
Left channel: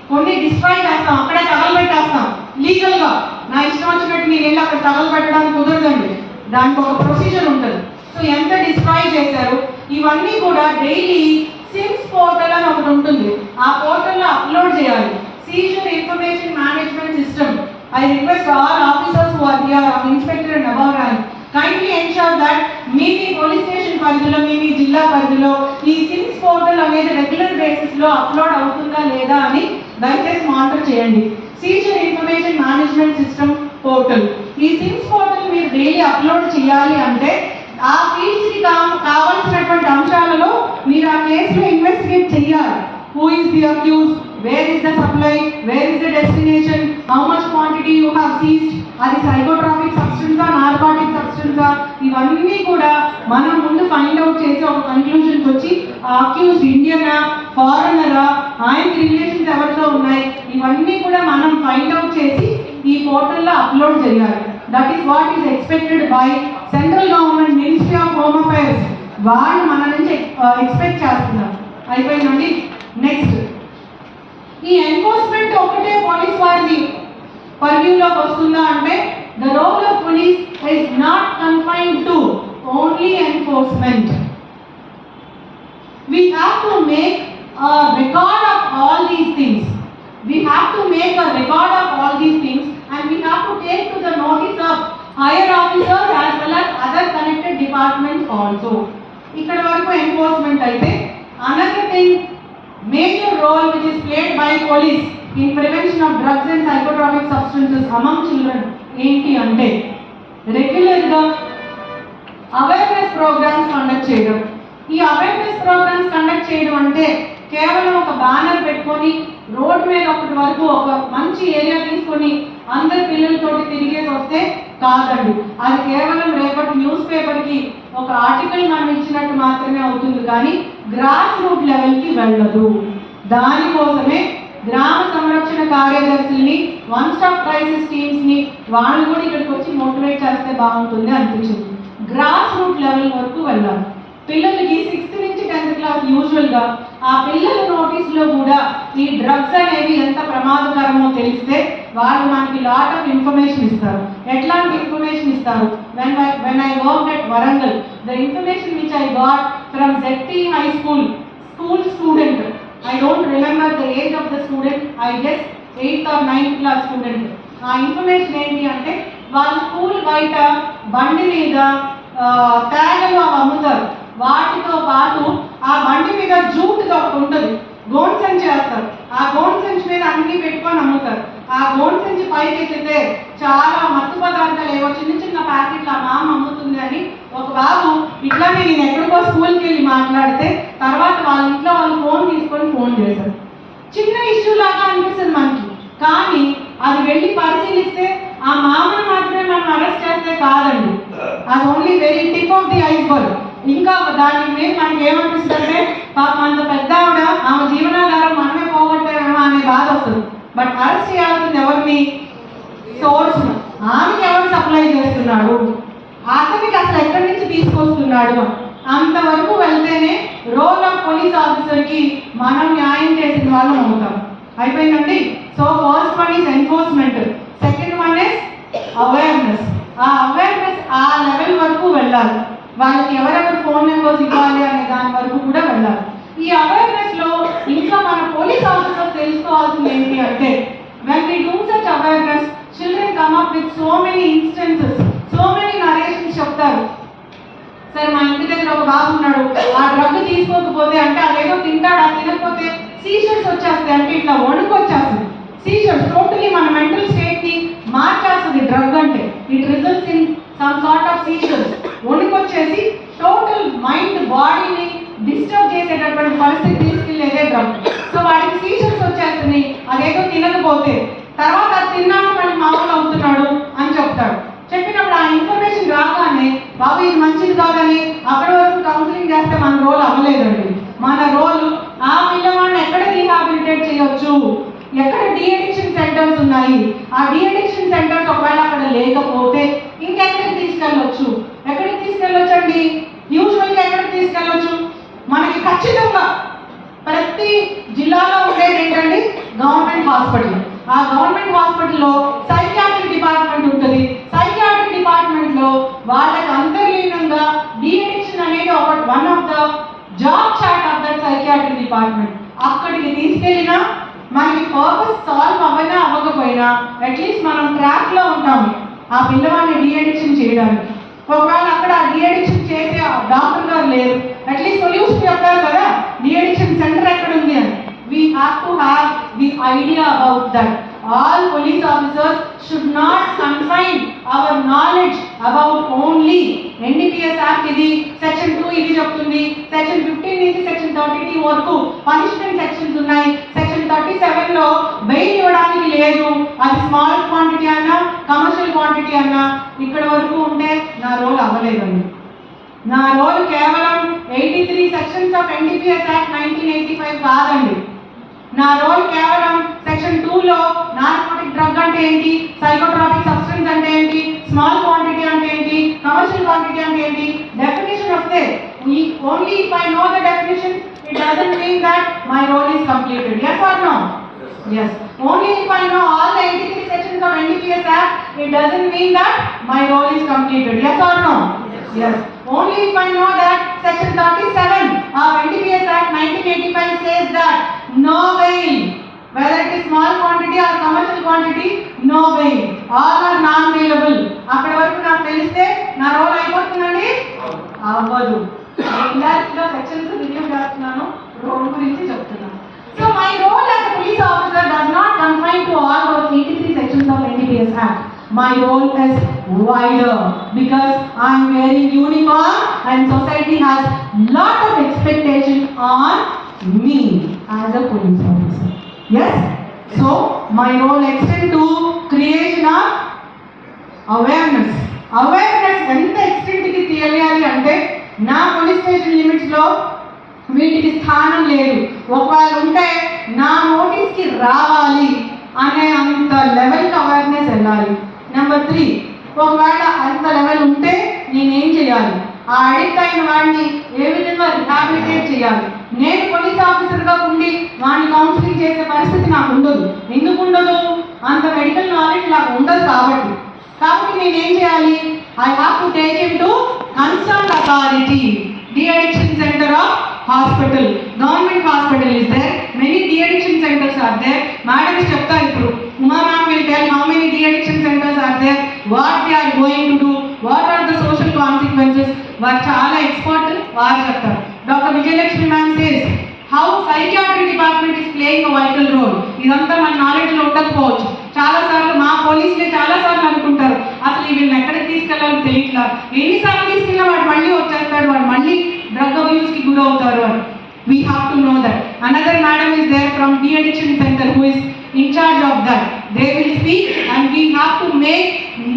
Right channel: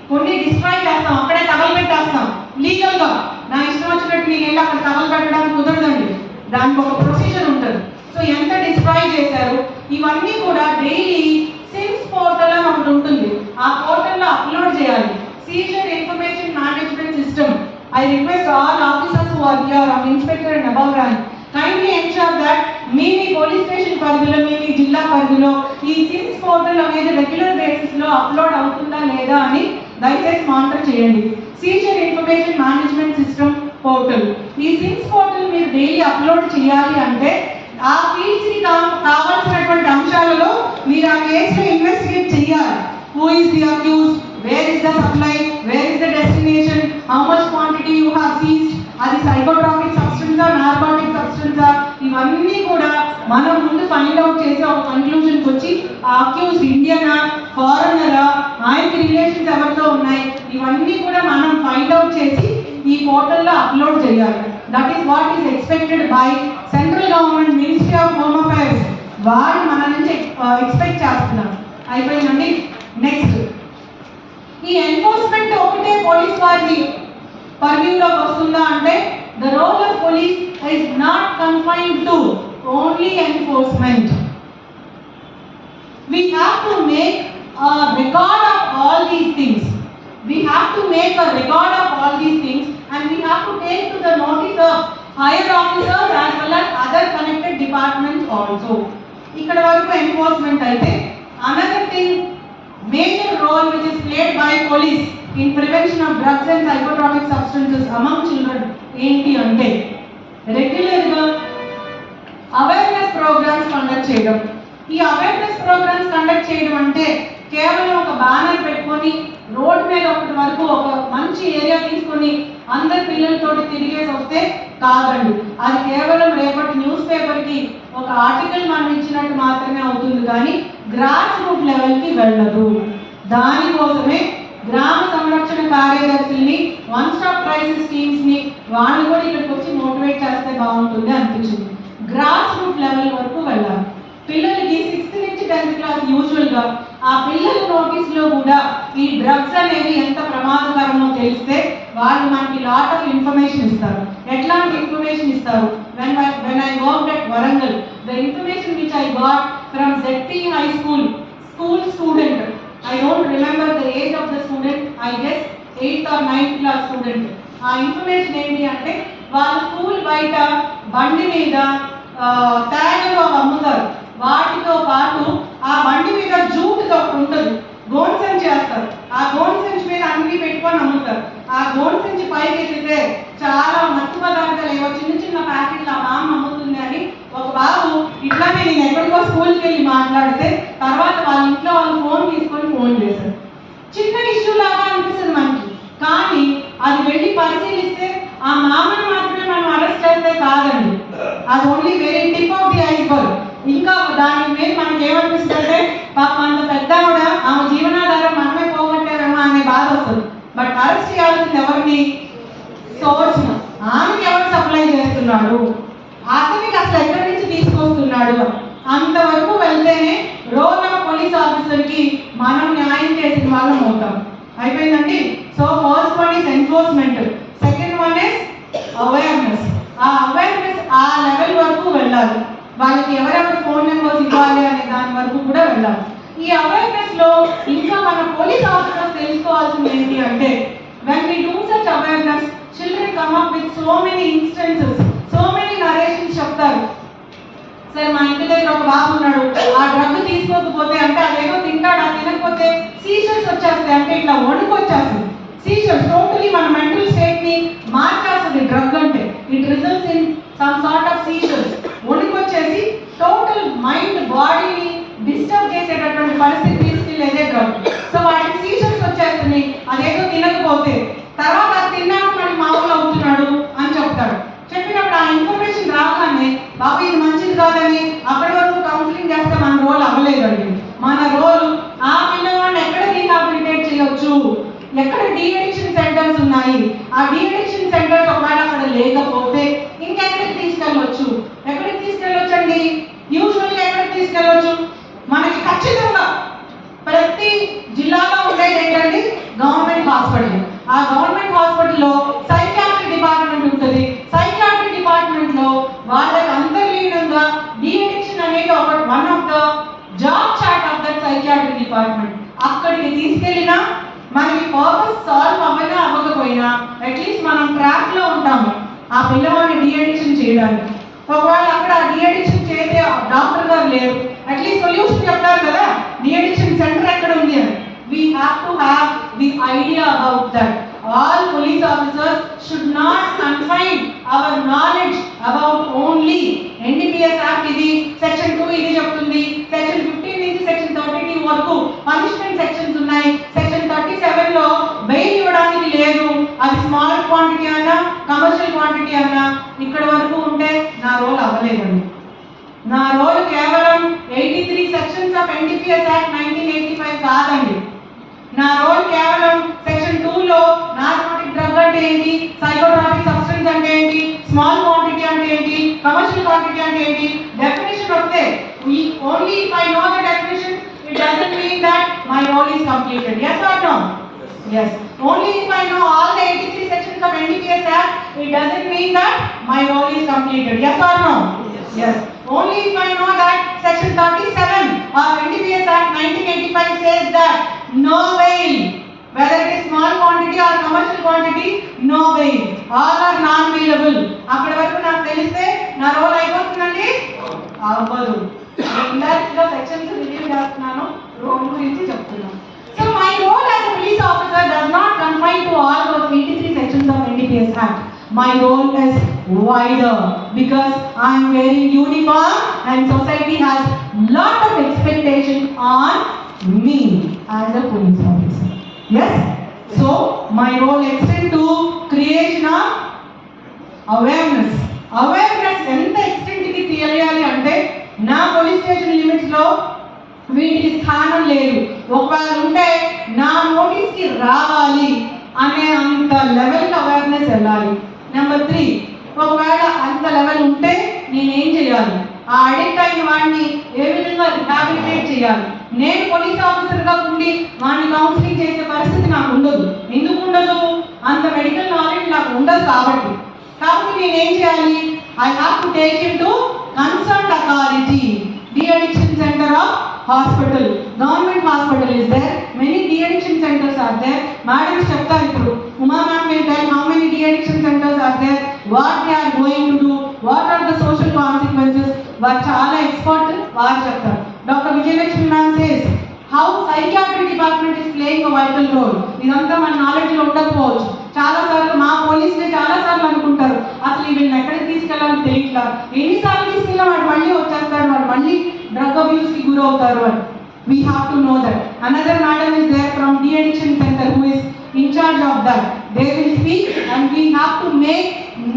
కొన్ని డిస్ట్రాయ్ చేస్తాం, అక్కడే తగలబెట్టేస్తాం లీగల్గా. నా ఇష్టం వచ్చినట్టు నేను వెళ్ళి అక్కడ తగలబెట్టడానికి కుదరదండి, దానికి ఒక ప్రొసీజర్ ఉంటుంది. సో ఎంత డిస్ట్రాయ్ చేశారు ఇవన్నీ కూడా డైలీ సిమ్స్ పోర్టల్ అని ఒకటి ఉంటుంది, ఆ పోర్టల్లో అప్లోడ్ చేయాలి. Seizure information management system. I request all officers who are here, Inspector and above rank, kindly ensure that మీ పోలీస్ స్టేషన్ పరిధిలో, మీ జిల్లా పరిధిలో ఈ సిమ్స్ పోర్టల్ అనేది రెగ్యులర్ బేసిస్ లో అప్లోడ్ అవుతుందా లేదా అని దయచేసి మానిటర్ చేయండి. Seizure information management system portal, ఈ సిమ్స్ పోర్టల్ మీరు డైలీ అప్లోడ్ చేయాలి అంటే ఆ ఫీల్డ్స్ కి కావాల్సినటువంటి అంశాలలో మీరు ఆ కేసులో ఇన్వెస్టిగేట్ చేయాలి. Who is the accused, where is the supply, where is the destination, how much quantity you have seized, అది సైకోట్రాపిక్ సబ్స్టెన్స్ నార్కోటిక్ సబ్స్టెన్స్, ఇవన్నీ కూడా మనం ముందు ఫైండ్ అవుట్ చేసి ఒక కన్క్లూజన్కి వచ్చి ఆ అక్యూజ్డ్ ఇండియనా ఫారెనరా, ఆయనకి రిలేషన్స్ ఎవరితో ఉన్నాయి, ఇవన్నీ కూడా మనం ఫైండ్ అవుట్ చేసి ఈ పోర్టల్లో అప్లోడ్ చేయాలి. That is what is expected by central government, ministry of home affairs. వాళ్ళు మన నుంచి ఎక్స్పెక్ట్ చేస్తున్నారు. అయిపోయిందండి. నెక్స్ట్, ఈ ఎన్ఫోర్స్మెంట్ ఒకటే పోలీస్ వారి పర్వ్యూలోకి వస్తుందా అంటే, the role of police is not confined to only enforcement. We have to make a record of all these things. We have to make a record of all these things and we have to take to the notice of higher officers as well as other connected departments also. ఇక్కడ వరకు ఎన్ఫోర్స్మెంట్ అయితే, another thing, major role which is played by police in prevention of drugs and psychotropic substances among children ఏంటి అంటే రెగ్యులర్గా అవేర్నెస్ ప్రోగ్రామ్స్ కండక్ట్ చేయడం. ఈ అవేర్నెస్ ప్రోగ్రామ్స్ కండక్ట్ చేయడం అంటే కేవలం ఒక బ్యానర్ పెట్టుకొని రోడ్ మీద అప్పటి వరకు ఒక మంచి ఏరియా తీసుకొని అందరి పిల్లలతోటి తిరిగేసి వస్తే కాదండి. అది కేవలం రేపటి న్యూస్ పేపర్కి ఒక ఆర్టికల్ మనం ఇచ్చినట్టు మాత్రమే అవుతుంది, కానీ గ్రాస్ రూట్ లెవెల్కి వెళ్ళదు. దానికోసమే గ్రామ సంరక్షణ కార్యదర్శుల్ని, వన్ స్టాప్ క్రైసిస్ టీమ్స్ని వాళ్ళు కూడా ఇక్కడికి వచ్చి మోటివేట్ చేస్తే బాగుంటుంది అనిపించింది. గ్రాస్ రూట్ లెవెల్ వరకు వెళ్ళాలి. పిల్లలకి 6th నుంచి 10th క్లాస్ యూజువల్గా ఆ పిల్లల నోటీస్లో కూడా ఈ డ్రగ్స్ అనేవి ఎంత ప్రమాదకరమో తెలిస్తే వాళ్ళు మనకి లాట్ ఆఫ్ ఇన్ఫర్మేషన్ ఇస్తారు. ఎట్లాంటి ఇన్ఫర్మేషన్ ఇస్తారు? when I worked at Warangal, the information which I got from ZT High School student, I don't remember the age of the student, I guess 8th or 9th class student. ఆ ఇన్ఫర్మేషన్ ఏంటి అంటే వాళ్ళ స్కూల్ బయట బండి మీద ట్యాగలు అమ్ముతారు. వాటితో పాటు ఆ బండి మీద జూట్ ఒకటి ఉంటుంది, గోన్ సంచి వేస్తారు. ఆ గోన్ సంచి మీద అన్ని పెట్టుకొని అమ్ముతారు. ఆ గోన్ సంచి పైకి ఎత్తితే చాలా మత్తు పదార్థాలు ఏవో చిన్న చిన్న ప్యాకెట్లు ఆ మామ అమ్ముతుంది అని ఒక బాబు ఇట్లానే నేను ఎక్కడికో స్కూల్కి వెళ్ళి మాట్లాడితే తర్వాత వాళ్ళ ఇంట్లో వాళ్ళు ఫోన్ చేశారు. చిన్న ఇష్యూ లాగా అనిపిస్తుంది మనకి, కానీ అది వెళ్ళి పరిశీలిస్తే ఆ మామని మాత్రమే మనం అరెస్ట్ చేస్తే కాదండి, అది only very tip of the iceberg. ఇంకా దాని మీద మనకి ఏమనిపిస్తుంది అంటే పాప అంత పెద్ద ఆవిడ ఆమె జీవనాధారం మనమే పోగొట్టారేమో అనే బాధ వస్తుంది. బట్ అరెస్ట్ చేయాల్సింది ఎవరిని? సోర్స్. ఆమెకి ఎవరు సప్లై చేస్తున్నాడు, అతనికి అసలు ఎక్కడి నుంచి తీసుకొస్తున్నాడు, అంతవరకు వెళ్తేనే రోల్ ఆఫ్ పోలీస్ ఆఫీసర్కి మనం న్యాయం చేసిన వాళ్ళం అవుతాం. అయిపోయిందండి. So first one is enforcement, second one is awareness. ఆ అవేర్నెస్ ఆ లెవెల్ వరకు వెళ్ళాలి. వాళ్ళకి ఎవరెవరు ఫోన్ నెంబర్స్ ఇవ్వాలి అనే దాని వరకు కూడా వెళ్ళాలి. ఈ అవేర్నెస్ లో ఇంకా మన పోలీస్ ఆఫీసర్స్ తెలుసుకోవాల్సింది ఏంటి అంటే, when we do such awareness, children come up with so many instances, so many narrations చెప్తారు. సార్ మా ఇంటి దగ్గర ఒక బాబు ఉన్నాడు, ఆ డ్రగ్ తీసుకోకపోతే అంటే అదేదో తింటాడు, అది తినకపోతే సీజర్స్ వచ్చేస్తాయి, అంటే ఇట్లా వణుకు వచ్చేస్తుంది. సీజర్స్ టోటలీ మన మెంటల్ స్టేట్ ని మార్చేస్తుంది డ్రగ్ అంటే. It results in some sort of seizures. వణుకు వచ్చేసి టోటల్ మైండ్ బాడీని డిస్టర్బ్ చేసేటటువంటి పరిస్థితి తీసుకెళ్ళేదే డ్రగ్. సో వాడికి సీజర్స్ వచ్చేస్తుంది అదేదో తినకపోతే. తర్వాత అది తిన్నాక మళ్ళీ మామూలు అవుతున్నాడు అని చెప్తాడు. చెప్పినప్పుడు ఆ ఇన్ఫర్మేషన్ రాగానే బాబు ఇది మంచిది కాదని అక్కడి వరకు కౌన్సిలింగ్ చేస్తే మన రోల్ అవ్వలేదండి. మన రోల్ ఆ పిల్లవాడిని ఎక్కడ రీహాబిలిటేట్ చేయవచ్చు, ఎక్కడ డీఅడిక్షన్ సెంటర్స్ ఉన్నాయి, ఆ డీఅడిక్షన్ సెంటర్స్ ఒకవేళ అక్కడ లేకపోతే ఇంకెక్కడికి తీసుకెళ్ళవచ్చు. ఎక్కడికి తీసుకెళ్ళొచ్చు అండి? యూజువల్గా ఎక్కడికి తీసుకెళ్ళొచ్చు? మనకి ఖచ్చితంగా ప్రతి జిల్లాలో ఉండేది ఏంటంటే గవర్నమెంట్ హాస్పిటల్. ఆ గవర్నమెంట్ హాస్పిటల్లో సైకియాట్రీ డిపార్ట్మెంట్ ఉంటుంది. సైకియాట్రీ డిపార్ట్మెంట్ లో వాళ్ళకి అంతర్లీనంగా డీఅడిక్షన్ అనేది ఒక one of the job chart of that psychiatry department. అక్కడికి తీసుకెళ్ళినా మనకి పర్పస్ సాల్వ్ అవ్వనా అవ్వకపోయినా అట్లీస్ట్ మనం ట్రాక్ లో ఉంటాము ఆ పిల్లవాడిని డీఅడిక్షన్ చేయడానికి. ఒకవేళ అక్కడ డీఅడిక్షన్ చేసే డాక్టర్ గారు లేరు, అట్లీస్ట్ సొల్యూషన్ చెప్తారు కదా డీఅడిక్షన్ సెంటర్ ఎక్కడ ఉంది అని. We have to have the idea about that. All police officers should not confine our knowledge about only NDPS Act ఇది సెక్షన్ 2 ఇది చెప్తుంది, సెక్షన్ 15 నుంచి సెక్షన్ 32 వరకు పనిష్మెంట్ సెక్షన్స్ ఉన్నాయి, సెక్షన్ 37 లో బెయిల్ ఇవ్వడానికి లేదు, అది స్మాల్ క్వాంటిటీ అన్నా కమర్షియల్ క్వాంటిటీ అన్నా ఇక్కడ వరకు ఉంటే నా రోల్ అవ్వలేదండి. నా రోల్ కేవలం 83 సెక్షన్స్ ఆఫ్ NDPS Act 1985 కాదండి. నా రోల్ కేవలం సెక్షన్ 2 లో నార్కోటిక్ డ్రగ్ అంటే ఏంటి, సైకోట్రాపిక్ సబ్స్టెన్స్ అంటే ఏంటి, స్మాల్ క్వాంటిటీ అంటే ఏంటి, కమర్షియల్ క్వాంటిటీ అంటే ఏంటి డెఫినేషన్ వస్తే only if I know the definition it doesn't mean that my role is completed. yes or no? yes. Only if I know all the 83 sections of NDPS Act it doesn't mean that my role is completed. yes or no? yes. Only if I know that section 37 of NDPS Act 1985 says that no bail, whether it is small quantity or commercial quantity, no bail, all are non bailable. అక్కడ వరకు నాకు తెలిస్తే నా రోల్ అయిపోతుందండి. అవ్వదు. ఇండైరెక్ట్ గా సెక్షన్స్ రివ్యూ చేస్తున్నాను రోల్ గురించి. NPS Act. My role is wider because I am wearing uniform and society has lot of expectation on me as a police officer. Yes? So my role extends to creation of awareness. Awareness ఎంత ఎక్స్టెంట్కి తెలియాలి అంటే నా పోలీస్ స్టేషన్ లిమిట్స్లో వీటికి స్థానం లేదు, ఒకవేళ ఉంటే నా నోటీస్కి రావాలి అనే అంత లెవెల్కి అవేర్నెస్ వెళ్ళాలి. నెంబర్ 3, ఒకవేళ అంత లెవెల్ ఉంటే నేనేం చేయాలి, ఆ అడిక్ట్ అయిన వాడిని ఏ విధంగా రిహాబిలిటేట్ చేయాలి. నేను పోలీస్ ఆఫీసర్గా ఉండి వాడిని కౌన్సిలింగ్ చేసే పరిస్థితి నాకు ఉండదు. ఎందుకు ఉండదు? అంత మెడికల్ నాలెడ్జ్ నాకు ఉండదు కాబట్టి నేనేం చేయాలి? I have to take it to concerned authority. De-addiction center of hospital, government hospital is there, many de-addiction centers are there. Madam చెప్తారు ఇప్పుడు, Uma ma'am will tell how many de-addiction centers are there, what they are going to do, what are the social consequences. వారు చాలా ఎక్స్పర్ట్, వారు చెప్తారు. Doctor Vijayalakshmi ma'am says how psychiatry department is playing a vital role. ఇదంతా మన నాలెడ్జ్ లో ఉండకపోవచ్చు. చాలా సార్లు మా పోలీసులే చాలా సార్లు అనుకుంటారు అసలు వీళ్ళని ఎక్కడికి తీసుకెళ్ళాలో తెలియట్లా, ఎన్నిసార్లు తీసుకెళ్ళినా వాడు మళ్ళీ వచ్చేస్తాడు, వాడు మళ్ళీ డ్రగ్ అబ్యూస్ కి గురవుతారు అని. We have to know that. Another madam is there from de-addiction center who is in charge of that. They will speak and we have to make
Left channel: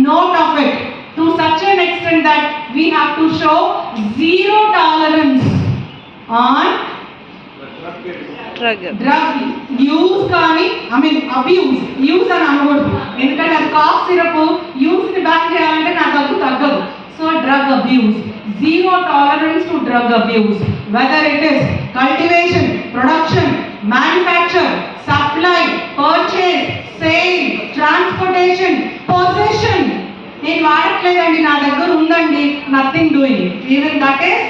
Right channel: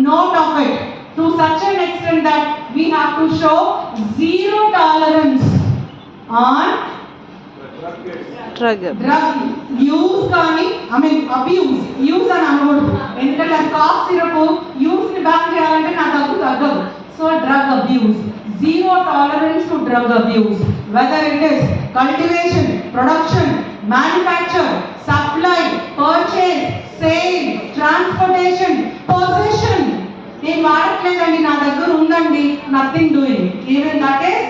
note of it to such an extent that we have to show zero tolerance on drug use కానీ అబ్యూస్ యూజ్ అని అనకూడదు, ఎందుకంటే అది కాఫ్ సిరప్ యూజ్ ని బ్యాన్ చేయాలంటే నా దగ్గు తగ్గదు. So drug abuse, zero tolerance to drug abuse, whether it is cultivation, production, manufacture, supply, purchase, sale, transportation, possession. నేను వాడట్లేదండి, నా దగ్గర ఉందండి, nothing doing, even that is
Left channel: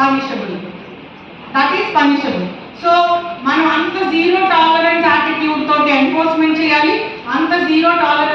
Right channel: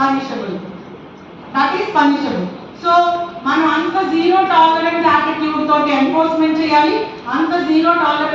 punishable. So మనం అంత జీరో టాలరెన్స్ యాటిట్యూడ్ తోటి ఎన్ఫోర్స్మెంట్ చేయాలి, అంత జీరో టాలరెన్స్